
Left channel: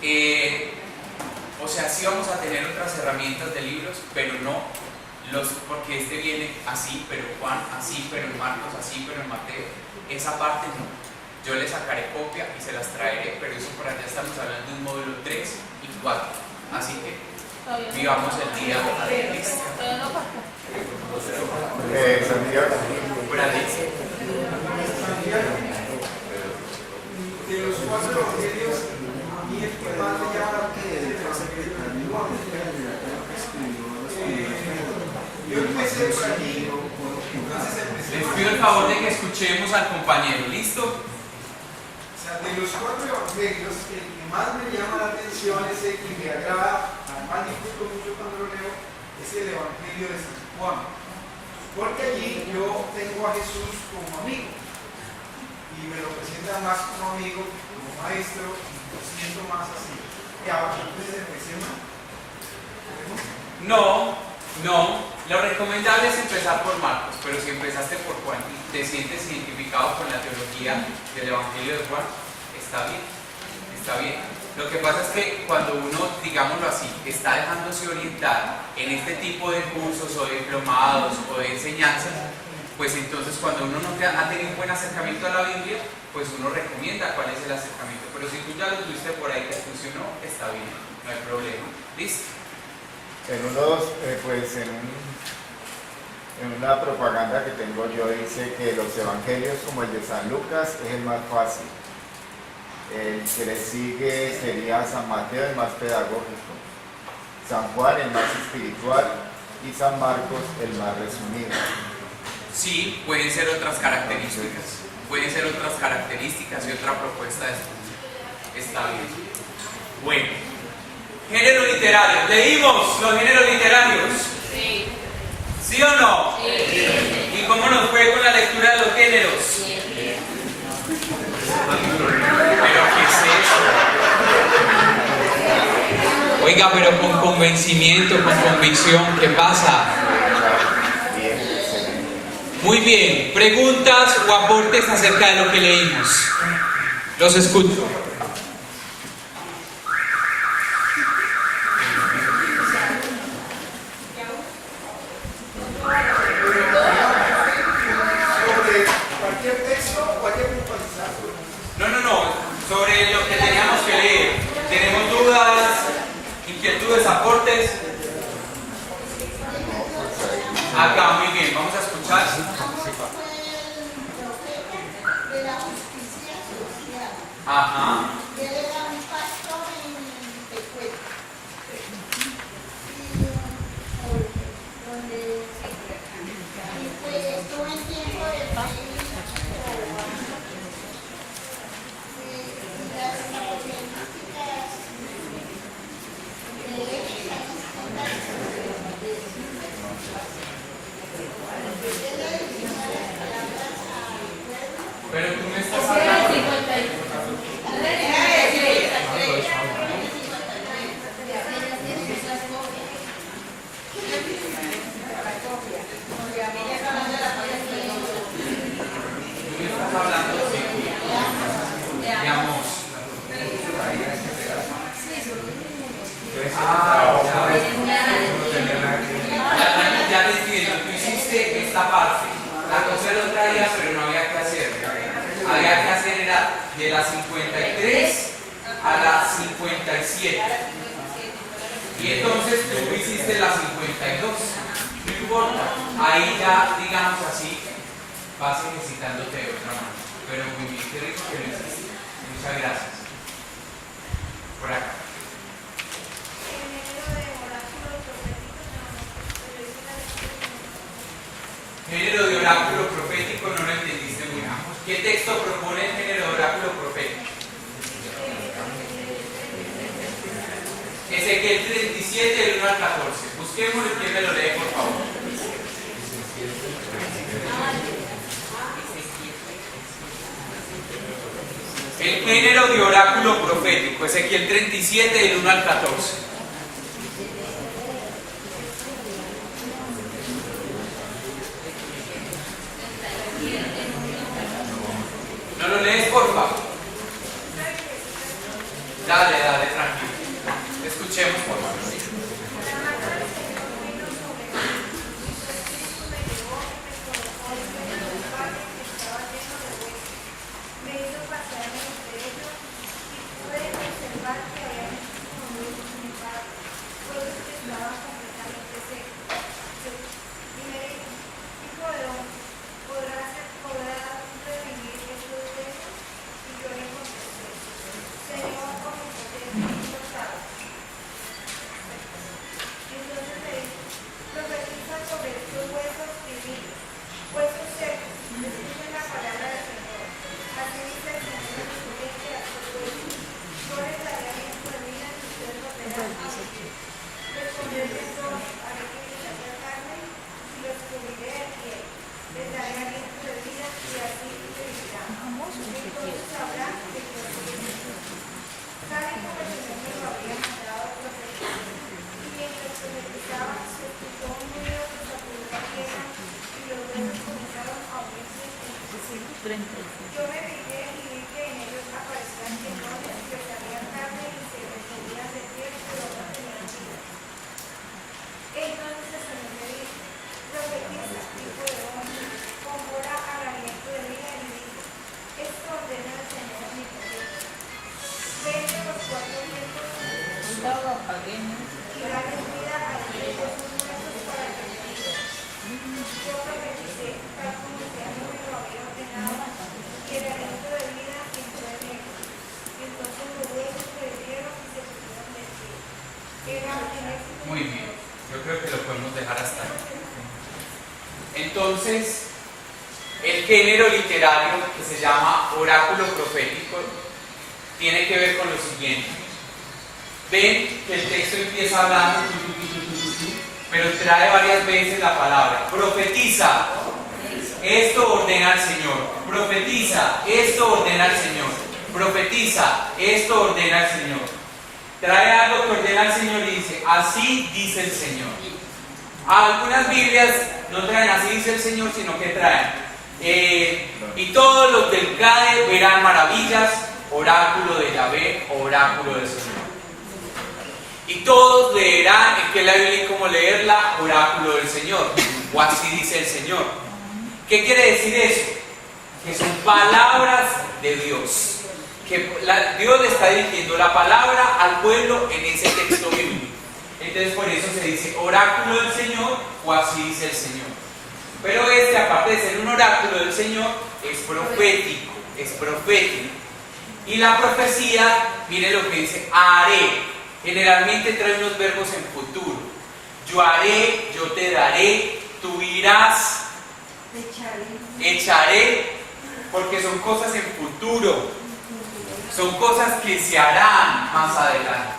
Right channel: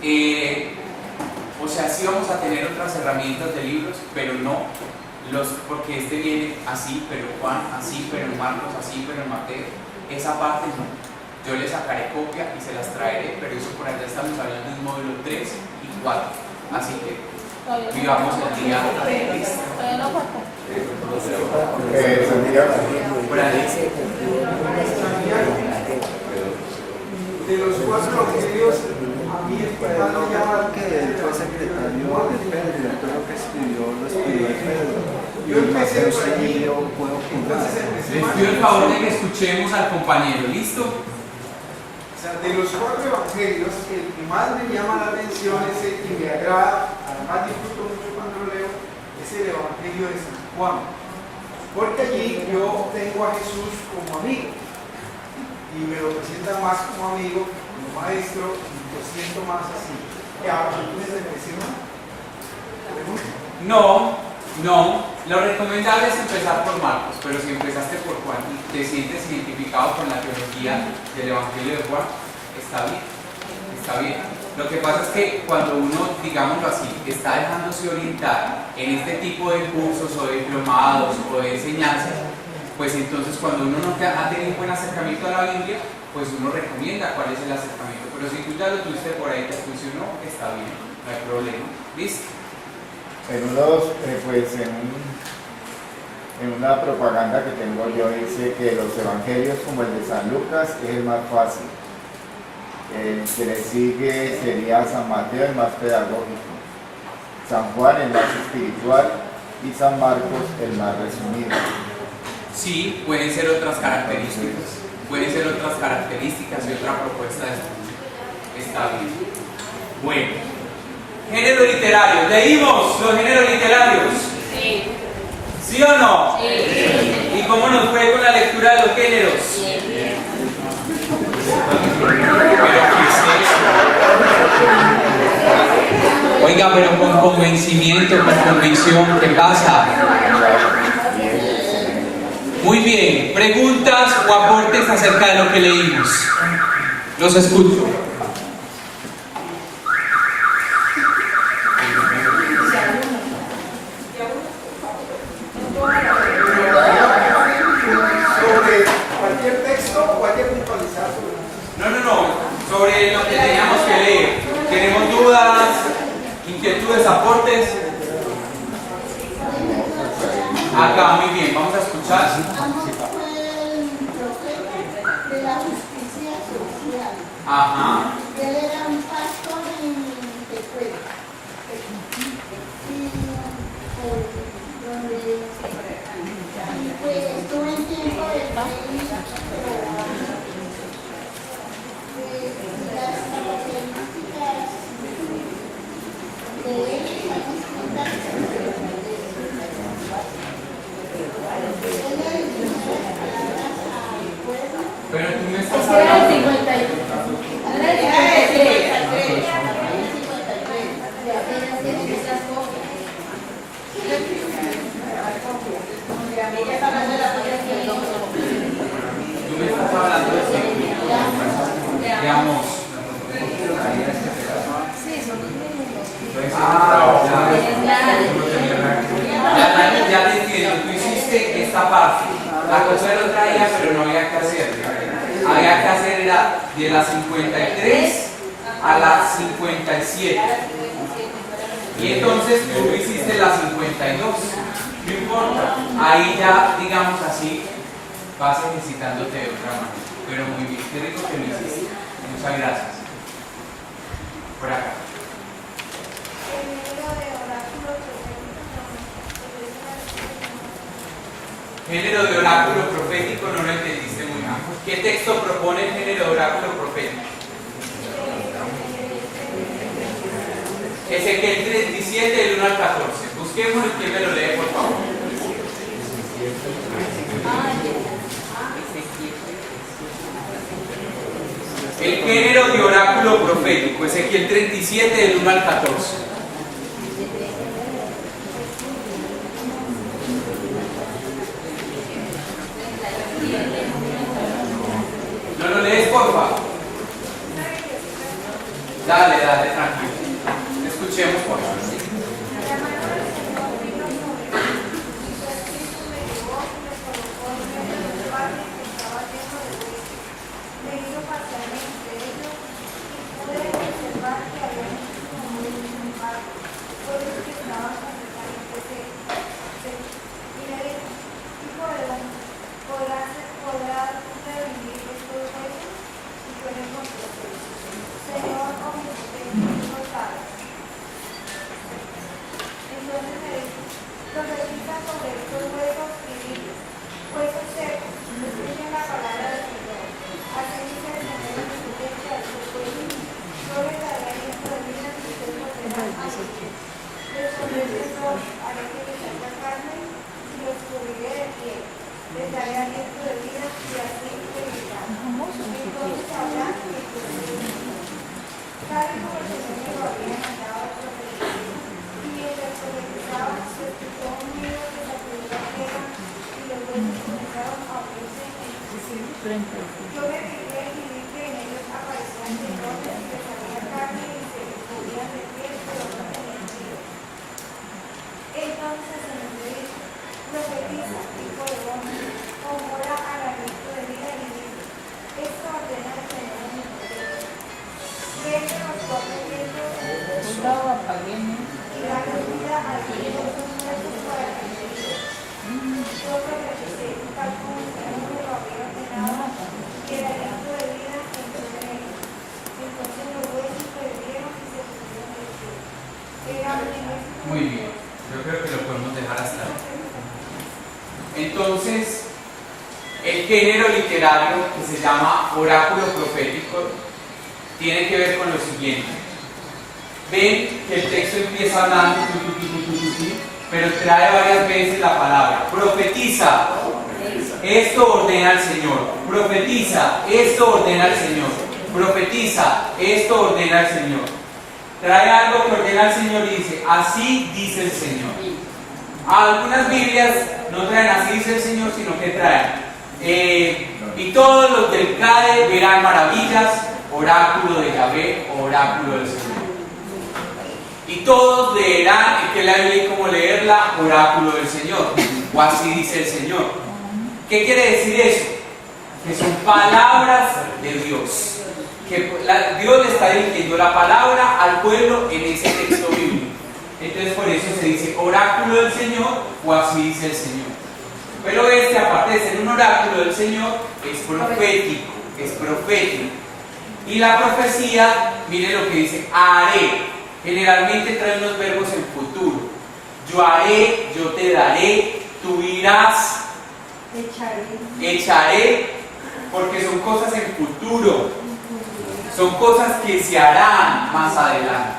sí vamos a tener otras herramientas de libros, pero no porque este viene así, pero Juan así, pero en Marcos así, pero en Mateo. Esa parte no. Yo les sacaré copia y se las traeré, pero eso por allá estamos hablando de un módulo 3 y 4. Así que vivamos el día. ¿Listo? Todavía no falta. Por ahí. De los 4 evangelios, a mí el que más me llama que fue secretario de Pedro, todo lo que escribió Pedro. Yo empecé por aquí. Puro Les pido el favor de que escuchemos al compañero, ¿listo? O sea, de los 4 evangelios, el que más me llama la atención es el que me agrada, además disfruto mucho cuando lo leo, es el evangelio de San Juan. Porque allí yo tengo a Jesús como amigo y me lo presenta más como amigo, como maestro, y lo siento más así. ¿Ahora tú me decepcionas? No. Lo recomendable es empezar por Marcos, pero si empezaste por Juan y te sientes identificado con la teología del Evangelio de Juan, está bien. Lo que pasa es que cuando uno, digámoslo así, está dejándose orientar en este tipo de cursos o de diplomados o de enseñanzas, pues entonces cuando uno no ha tenido un buen acercamiento a la Biblia, pues uno recomienda cuál es el acercamiento. Pero si tú ya lo tuviste por ahí, te funcionó, está bien, no hay problema. ¿Listo? En una propaganda que tengo yo dice que los evangelios como el de San Lucas es el más fácil. El que le sigue sería San Mateo, el más pedagógico, San Juan, el más espiritual, y San Marcos, el más resumido. Sí, pueden ser otras características. Pueden ser otras características y otra propuesta de estudio. Está bien. Bueno, géneros literarios. ¿Leímos los géneros literarios? Sí. ¿Sí o no? Sí. ¿Y cómo nos fue con la lectura de los géneros? Sí. ¿Pero qué es eso? Oiga, pero con convencimiento, con convicción, ¿qué pasa? Muy bien, preguntas o aportes acerca de lo que leímos. Los escucho. Sobre cualquier texto o cualquier puntualizado. No, sobre lo que teníamos que leer. ¿Tenemos dudas, inquietudes, aportes? Acá, muy bien, vamos a escuchar. De la justicia social. Ajá. Él era un pastor en Tecuel. Y pues estuve en tiempo de las características de él. Pero tú me estás Ese era el hablando. 53. Tú me estás hablando de amor. Ya te entiendo. Tú hiciste esta parte. La cosa lo traía, pero no había que hacer. Había que hacer era de la 53 a la 57. Y entonces tú hiciste la 52. No importa. Ahí ya, digamos así, vas ejercitándote de otra manera. Pero muy bien, qué rico que lo hiciste. Muchas gracias. Por acá. Género de oráculo profético, no lo entendiste muy bien. ¿Qué texto propone el género de oráculo profético? Ezequiel 37, del 1 al 14. Busquémoslo y quién me lo lee, por favor. El género de oráculo profético, Ezequiel 37, del 1 al 14. ¿No lo lees, por favor? Dale, tranquilo. Escuchemos, por favor. 30 del 18. Responder Jesús, haré que me salga carne y los cubriré de piel. Les daré aliento de vida y así vivirán. Entonces sabrán que yo soy Dios. Saben como el Señor me lo había mandado a profetizar. Y mientras profetizaba, se escuchó un ruido que sacudió la tierra y los huesos comenzaron a abrirse en ellos. Yo me fijé y vi que en ellos aparecían tendones que salían carne y se les cubrían de piel y no tenían vida. Entonces se me dijo, profetiza, hijo de hombre, ora al aliento de vida y dice, esto ordena el Señor omnipotente. Vete a los 4 vientos y dale vida a estos huesos muertos para que me vivan. Yo profeticé, tal como el Señor me lo había ordenado, y el aliento de vida entró en ellos. Entonces los huesos se revivieron y se pusieron de pie. Llegaron en éxito. Muy bien, yo creo que lo podemos dejar hasta ahí. Entonces, el género literario que se llama oráculo profético tiene que ver con lo siguiente. Ven que el texto empieza hablando, pero trae varias veces la palabra. Profetiza, esto ordena el Señor. Profetiza, esto ordena el Señor. Profetiza, esto ordena el Señor. Trae algo que ordena el Señor y dice, así dice el Señor. Algunas Biblias no traen así dice el Señor, sino que traen y todos los del CADE verán maravillas, oráculo de Yahvé, oráculo del Señor. Y todos leerán, que la Biblia es como leerla, oráculo del Señor, o así dice el Señor. ¿Qué quiere decir eso? Que son palabras de Dios. Que Dios le está dirigiendo la palabra al pueblo en ese texto bíblico. Entonces por eso se dice oráculo del Señor o así dice el Señor. Pero aparte de ser un oráculo del Señor, es profético, es profético. Y la profecía, mire lo que dice, haré. Generalmente trae unos verbos en futuro. Yo haré, yo te daré, tú irás, echaré, porque son cosas en futuro. Son cosas que se harán más adelante.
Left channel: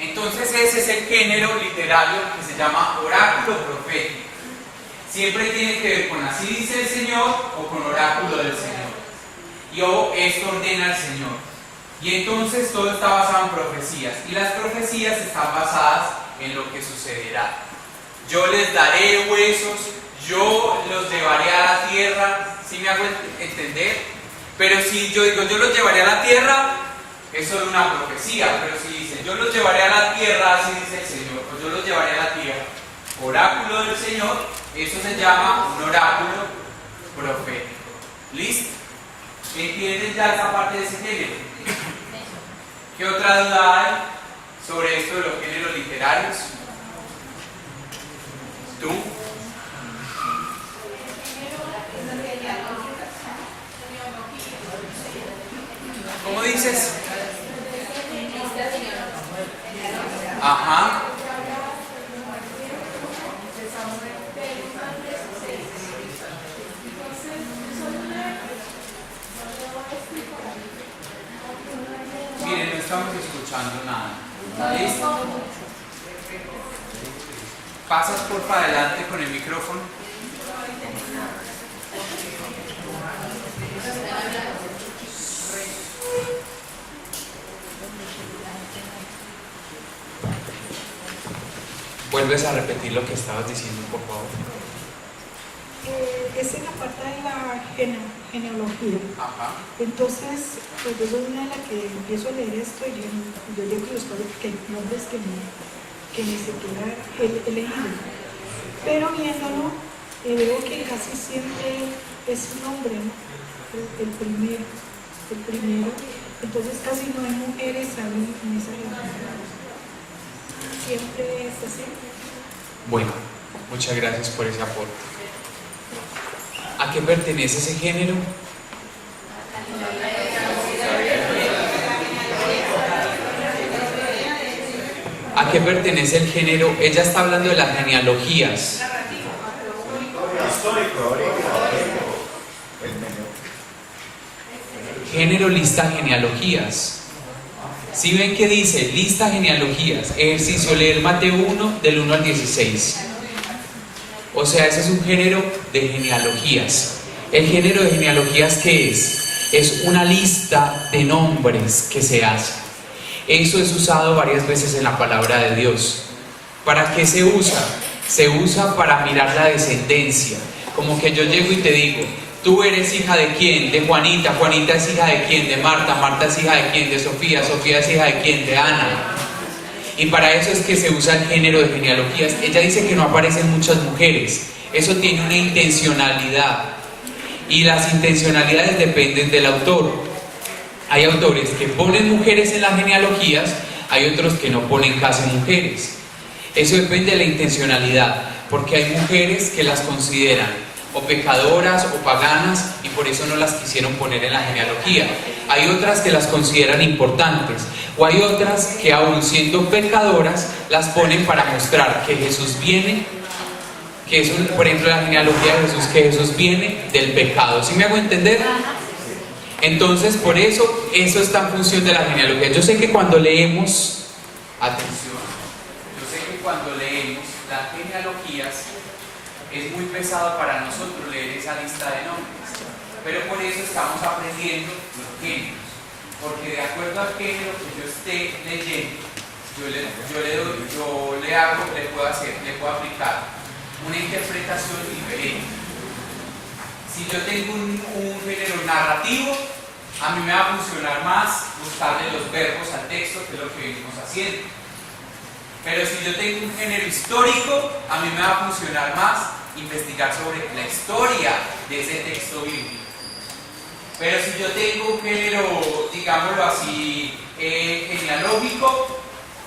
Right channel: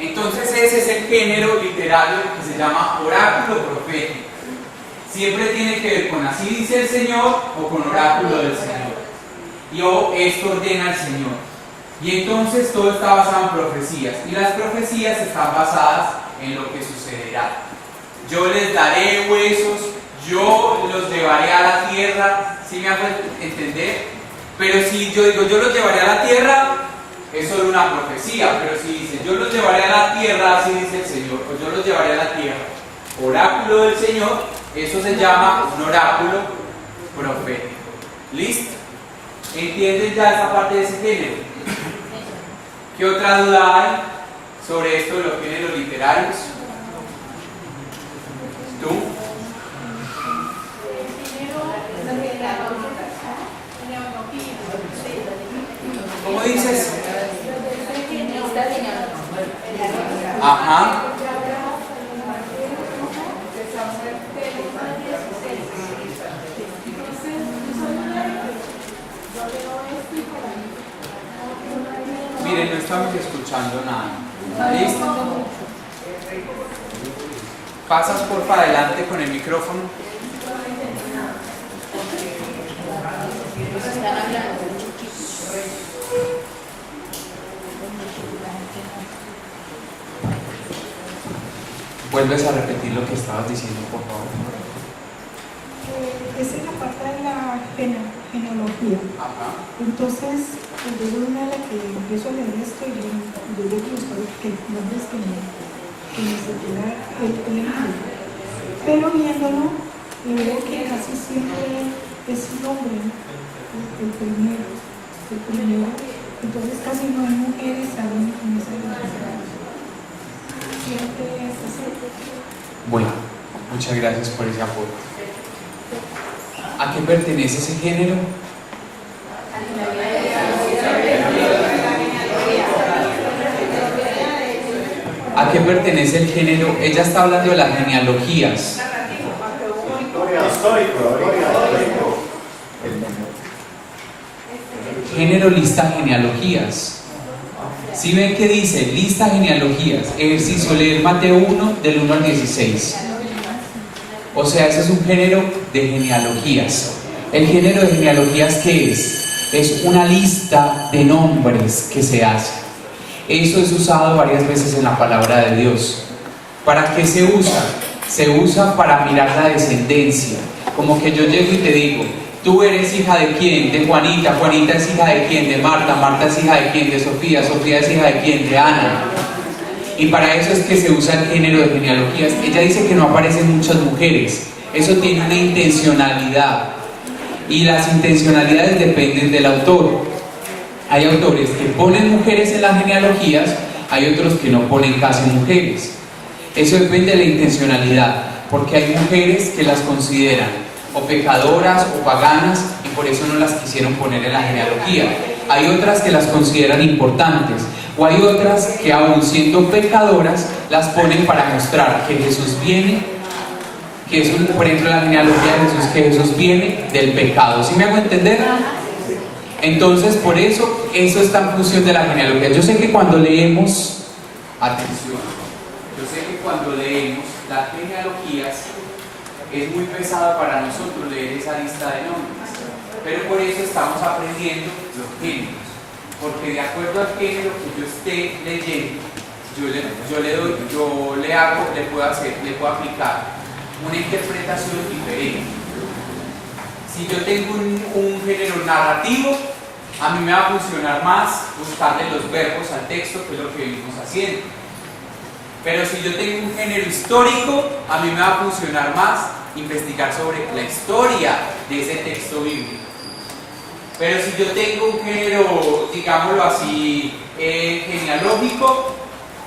Entonces ese es el género literario que se llama oráculo profético. Siempre tiene que ver con así dice el Señor o con oráculo del Señor. Y esto ordena el Señor. Y entonces todo está basado en profecías. Y las profecías están basadas en lo que sucederá. Yo les daré huesos, yo los llevaré a la tierra. ¿Sí me hago entender? Pero si yo digo yo los llevaré a la tierra, es solo una profecía. Pero si dice yo los llevaré a la tierra, así dice el Señor, o yo los llevaré a la tierra, oráculo del Señor, eso se llama un oráculo profético. ¿Listo? ¿Entienden ya esa parte de ese género? ¿Qué otra duda hay sobre esto de los géneros literarios? ¿Tú? ¿Cómo dices? Ajá. Miren, no estamos escuchando nada. ¿Listo? ¿Pasas por adelante con el micrófono? ¿Vuelves a repetir lo que estabas diciendo, por favor? Esa es la parte de la genealogía. Ajá. Entonces, pues yo soy una de las que empiezo a leer esto y yo digo que nombres que me se queda el ejemplo. Pero viéndolo, veo que casi siempre es un hombre, ¿no? el primero. Entonces casi no hay mujeres saben en esa religión. Siempre es ese. Bueno, muchas gracias por ese aporte. ¿A qué pertenece ese género? ¿A qué pertenece el género? Ella está hablando de las genealogías. Género lista genealogías. Si ven que dice lista genealogías, ejercicio leer Mateo 1 del 1 al 16. O sea, ese es un género de genealogías. ¿El género de genealogías qué es? Es una lista de nombres que se hace. Eso es usado varias veces en la palabra de Dios. ¿Para qué se usa? Se usa para mirar la descendencia. Como que yo llego y te digo, tú eres hija de quién, de Juanita, Juanita es hija de quién, de Marta, Marta es hija de quién, de Sofía, Sofía es hija de quién, de Ana. Y para eso es que se usa el género de genealogías. Ella dice que no aparecen muchas mujeres. Eso tiene una intencionalidad. Y las intencionalidades dependen del autor. Hay autores que ponen mujeres en las genealogías, hay otros que no ponen casi mujeres. Eso depende de la intencionalidad, porque hay mujeres que las consideran o pecadoras o paganas y por eso no las quisieron poner en la genealogía. Hay otras que las consideran importantes, o hay otras que aún siendo pecadoras las ponen para mostrar que Jesús viene, que es por ejemplo la genealogía de Jesús, que Jesús viene del pecado. ¿Sí me hago entender? Entonces por eso está en función de la genealogía. Yo sé que cuando leemos, atención, yo sé que cuando leemos las genealogías es muy pesado para nosotros leer esa lista de nombres, pero por eso estamos aprendiendo los géneros, porque de acuerdo al género que yo esté leyendo, le puedo aplicar una interpretación diferente. Si yo tengo un género narrativo, a mí me va a funcionar más buscarle los verbos al texto, que es lo que venimos haciendo. Pero si yo tengo un género histórico, a mí me va a funcionar más investigar sobre la historia de ese texto bíblico. Pero si yo tengo un género, digámoslo así, genealógico,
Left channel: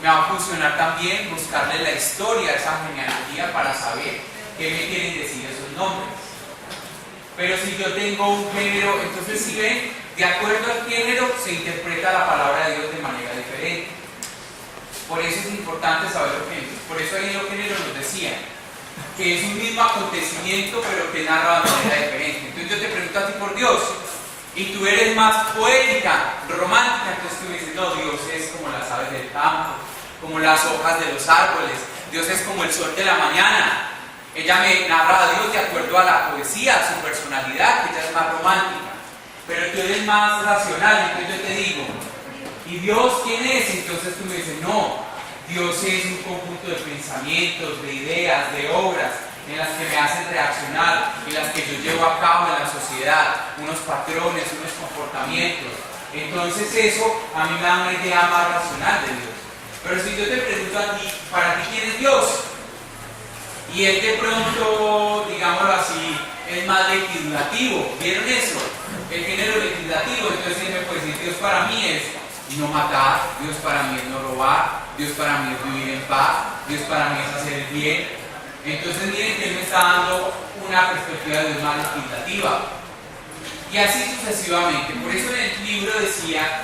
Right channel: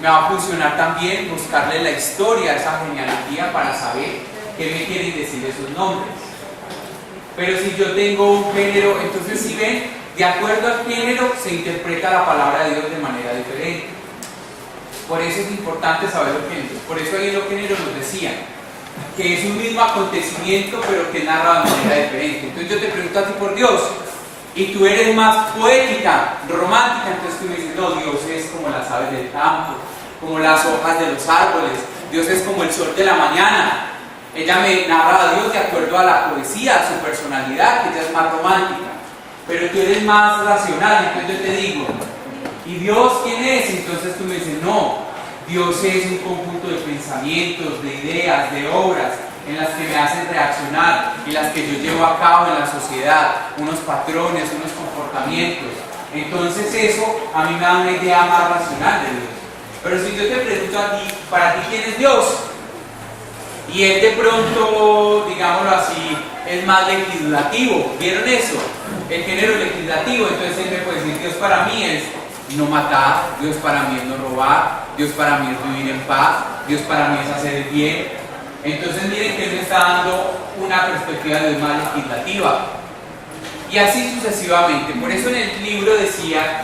me va a funcionar también buscarle la historia a esa genealogía para saber qué me quieren decir esos nombres. Pero si yo tengo un género, entonces si ven, de acuerdo al género se interpreta la palabra de Dios de manera diferente. Por eso es importante saber los géneros. Por eso ahí en los géneros nos decían que es un mismo acontecimiento pero que narra de manera diferente. Entonces yo te pregunto a ti por Dios, y tú eres más poética, romántica, entonces tú me dices, no, Dios es como las aves del campo, como las hojas de los árboles, Dios es como el sol de la mañana. Ella me narra a Dios de acuerdo a la poesía, a su personalidad, que ella es más romántica. Pero tú eres más racional, entonces yo te digo, ¿y Dios quién es? Entonces tú me dices, no, Dios es un conjunto de pensamientos, de ideas, de obras en las que me hacen reaccionar y las que yo llevo a cabo en la sociedad, unos patrones, unos comportamientos. Entonces eso a mí me da una idea más racional de Dios. Pero si yo te pregunto a ti, ¿para ti quién es Dios? Y él de pronto, digámoslo así, es más legislativo. ¿Vieron eso? El género legislativo. Entonces él me puede decir, Dios para mí es no matar, Dios para mí es no robar, Dios para mí es vivir en paz, Dios para mí es hacer el bien. Entonces miren que él me está dando una perspectiva de Dios más legislativa. Y así sucesivamente. Por eso en el libro decía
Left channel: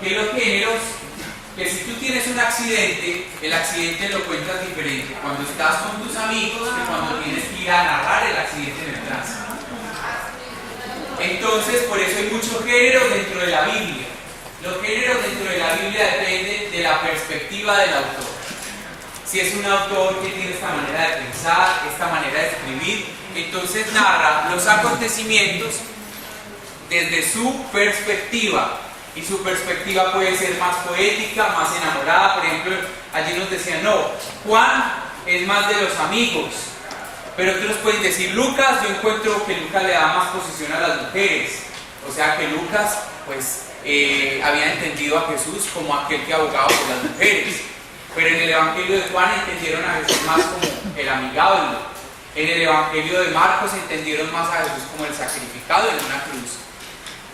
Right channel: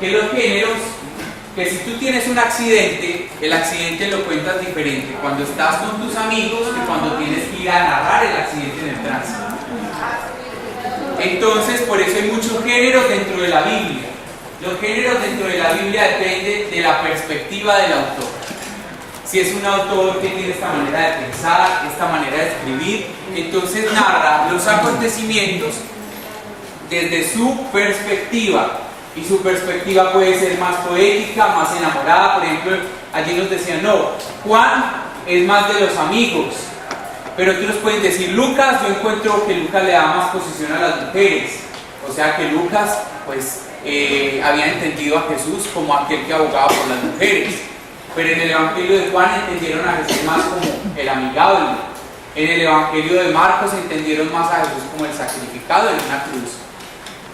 que los géneros, que si tú tienes un accidente, el accidente lo cuentas diferente cuando estás con tus amigos que cuando tienes que ir a narrar el accidente en el tránsito. Entonces, por eso hay muchos géneros dentro de la Biblia. Los géneros dentro de la Biblia dependen de la perspectiva del autor. Si es un autor que tiene esta manera de pensar, esta manera de escribir, entonces narra los acontecimientos desde su perspectiva. Y su perspectiva puede ser más poética, más enamorada. Por ejemplo, allí nos decían, no, Juan es más de los amigos. Pero otros pueden decir, Lucas, yo encuentro que Lucas le da más posición a las mujeres. O sea que Lucas, pues, había entendido a Jesús como aquel que abogaba por las mujeres. Pero en el Evangelio de Juan entendieron a Jesús más como el amigable. En el Evangelio de Marcos entendieron más a Jesús como el sacrificado en una cruz.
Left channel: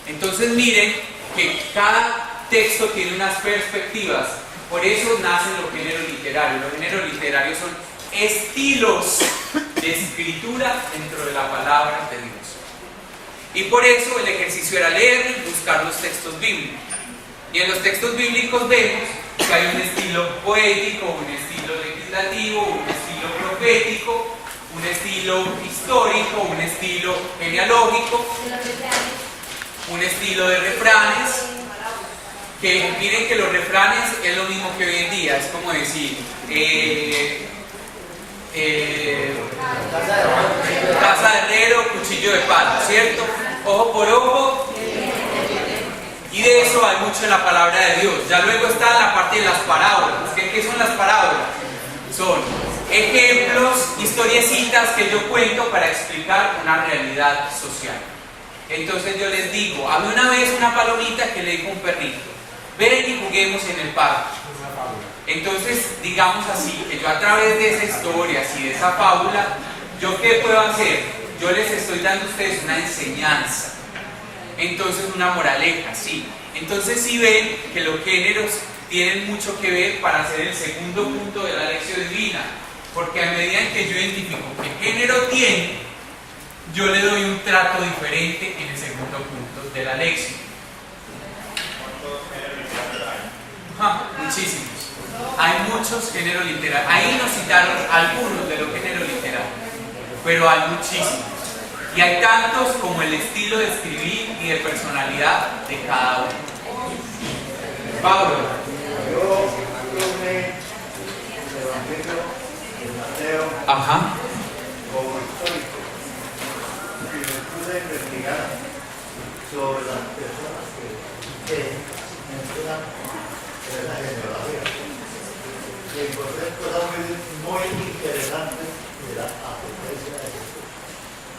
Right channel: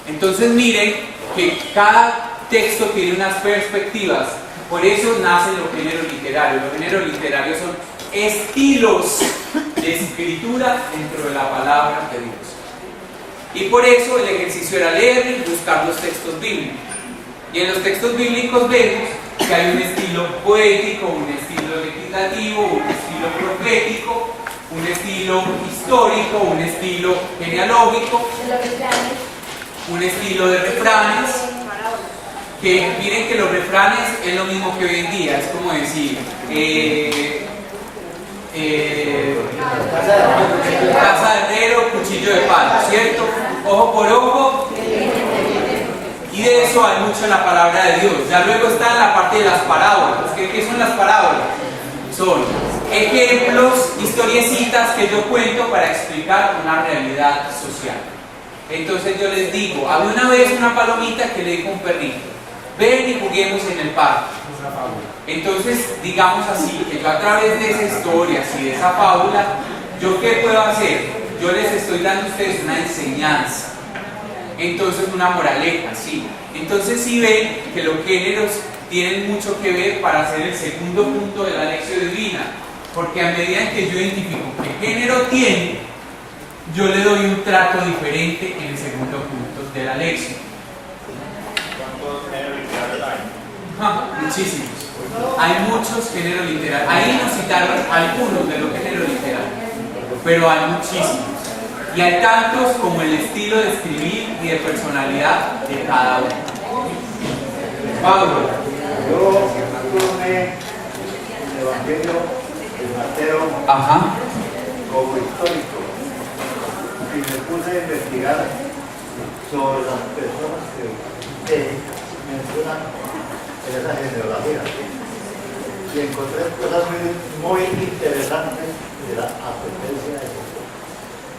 Entonces miren que cada texto tiene unas perspectivas. Por eso nacen los géneros literarios. Los géneros literarios son estilos de escritura dentro de la palabra de Dios. Y por eso el ejercicio era leer y buscar los textos bíblicos. Y en los textos bíblicos vemos que hay un estilo poético, un estilo legislativo, un estilo profético, un estilo histórico, un estilo genealógico, un estilo de refranes que miren que los refranes es lo mismo que hoy en día, es como decir, casa de herrero, cuchillo de palo, ¿cierto? Ojo por ojo. Y de eso hay mucho en la palabra de Dios. Ya luego está en la parte de las parábolas. ¿Qué son las parábolas? Son ejemplos, historiecitas que yo cuento para explicar una realidad social. Entonces yo les digo, había una vez una palomita que le dijo a un perrito, ven y juguemos en el parque. Entonces, digamos así, que yo a través de esa historia y de esa fábula, ¿yo qué puedo hacer? Yo les estoy dando a ustedes una enseñanza. Entonces, una moraleja, sí. Entonces, sí ven que los géneros tienen mucho que ver para hacer el segundo punto de la lección divina. Porque a medida en que yo identifico qué género tiene, yo le doy un trato diferente en el segundo punto de la lección. Muchísimos. Hay muchos géneros literarios. Ahí nos citaron algunos de los géneros literarios, pero hay muchísimos. Y hay tantos como el estilo de escribir y de personalidad de cada uno. Pablo. Yo tomé el Evangelio de Mateo como histórico y me puse a investigar sobre las personas que mencionan en esa genealogía y encontré cosas muy interesantes de la ascendencia de Jesús.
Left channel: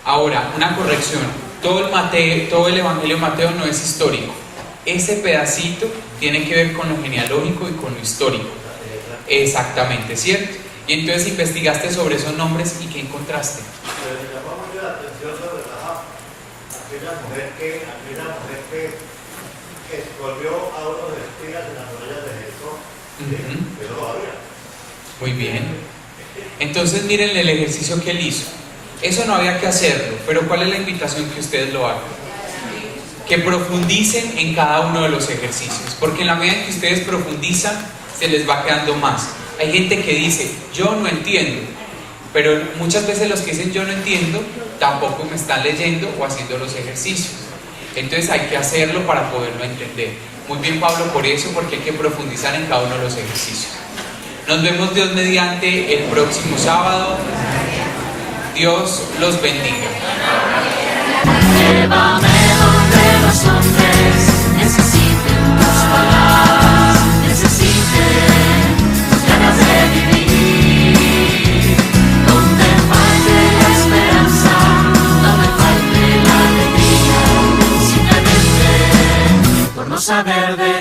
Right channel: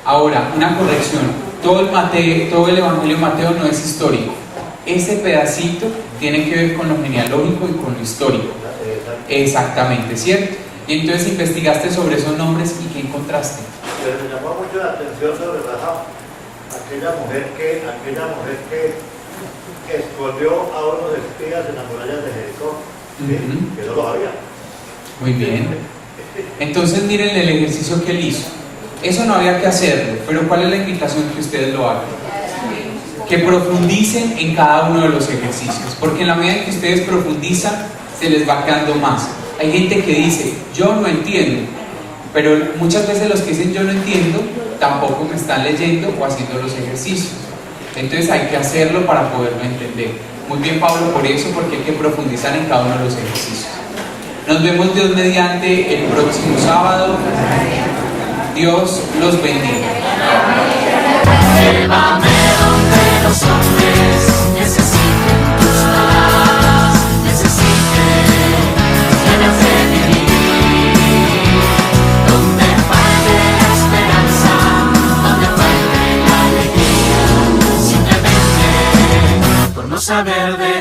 Ahora, una corrección, todo el Evangelio de Mateo no es histórico. Ese pedacito tiene que ver con lo genealógico y con lo histórico. Exactamente, ¿cierto? Y entonces investigaste sobre esos nombres y ¿qué encontraste? Me llamó mucho la atención sobre aquella mujer que escondió a unos espías en las murallas de Jericó, que no lo había. Muy bien. Entonces miren el ejercicio que él hizo. Eso no había que hacerlo, pero ¿cuál es la invitación? Que ustedes lo hagan. Que profundicen en cada uno de los ejercicios, porque en la medida en que ustedes profundizan, se les va quedando más. Hay gente que dice, yo no entiendo, pero muchas veces los que dicen yo no entiendo, tampoco me están leyendo o haciendo los ejercicios. Entonces hay que hacerlo para poderlo entender. Muy bien, Pablo, por eso, porque hay que profundizar en cada uno de los ejercicios. Nos vemos, Dios mediante, el próximo sábado. Dios los bendiga. Llévame donde los hombres necesiten tus palabras, necesiten ganas de vivir. Donde falte la esperanza, donde falte la alegría, simplemente por no saber de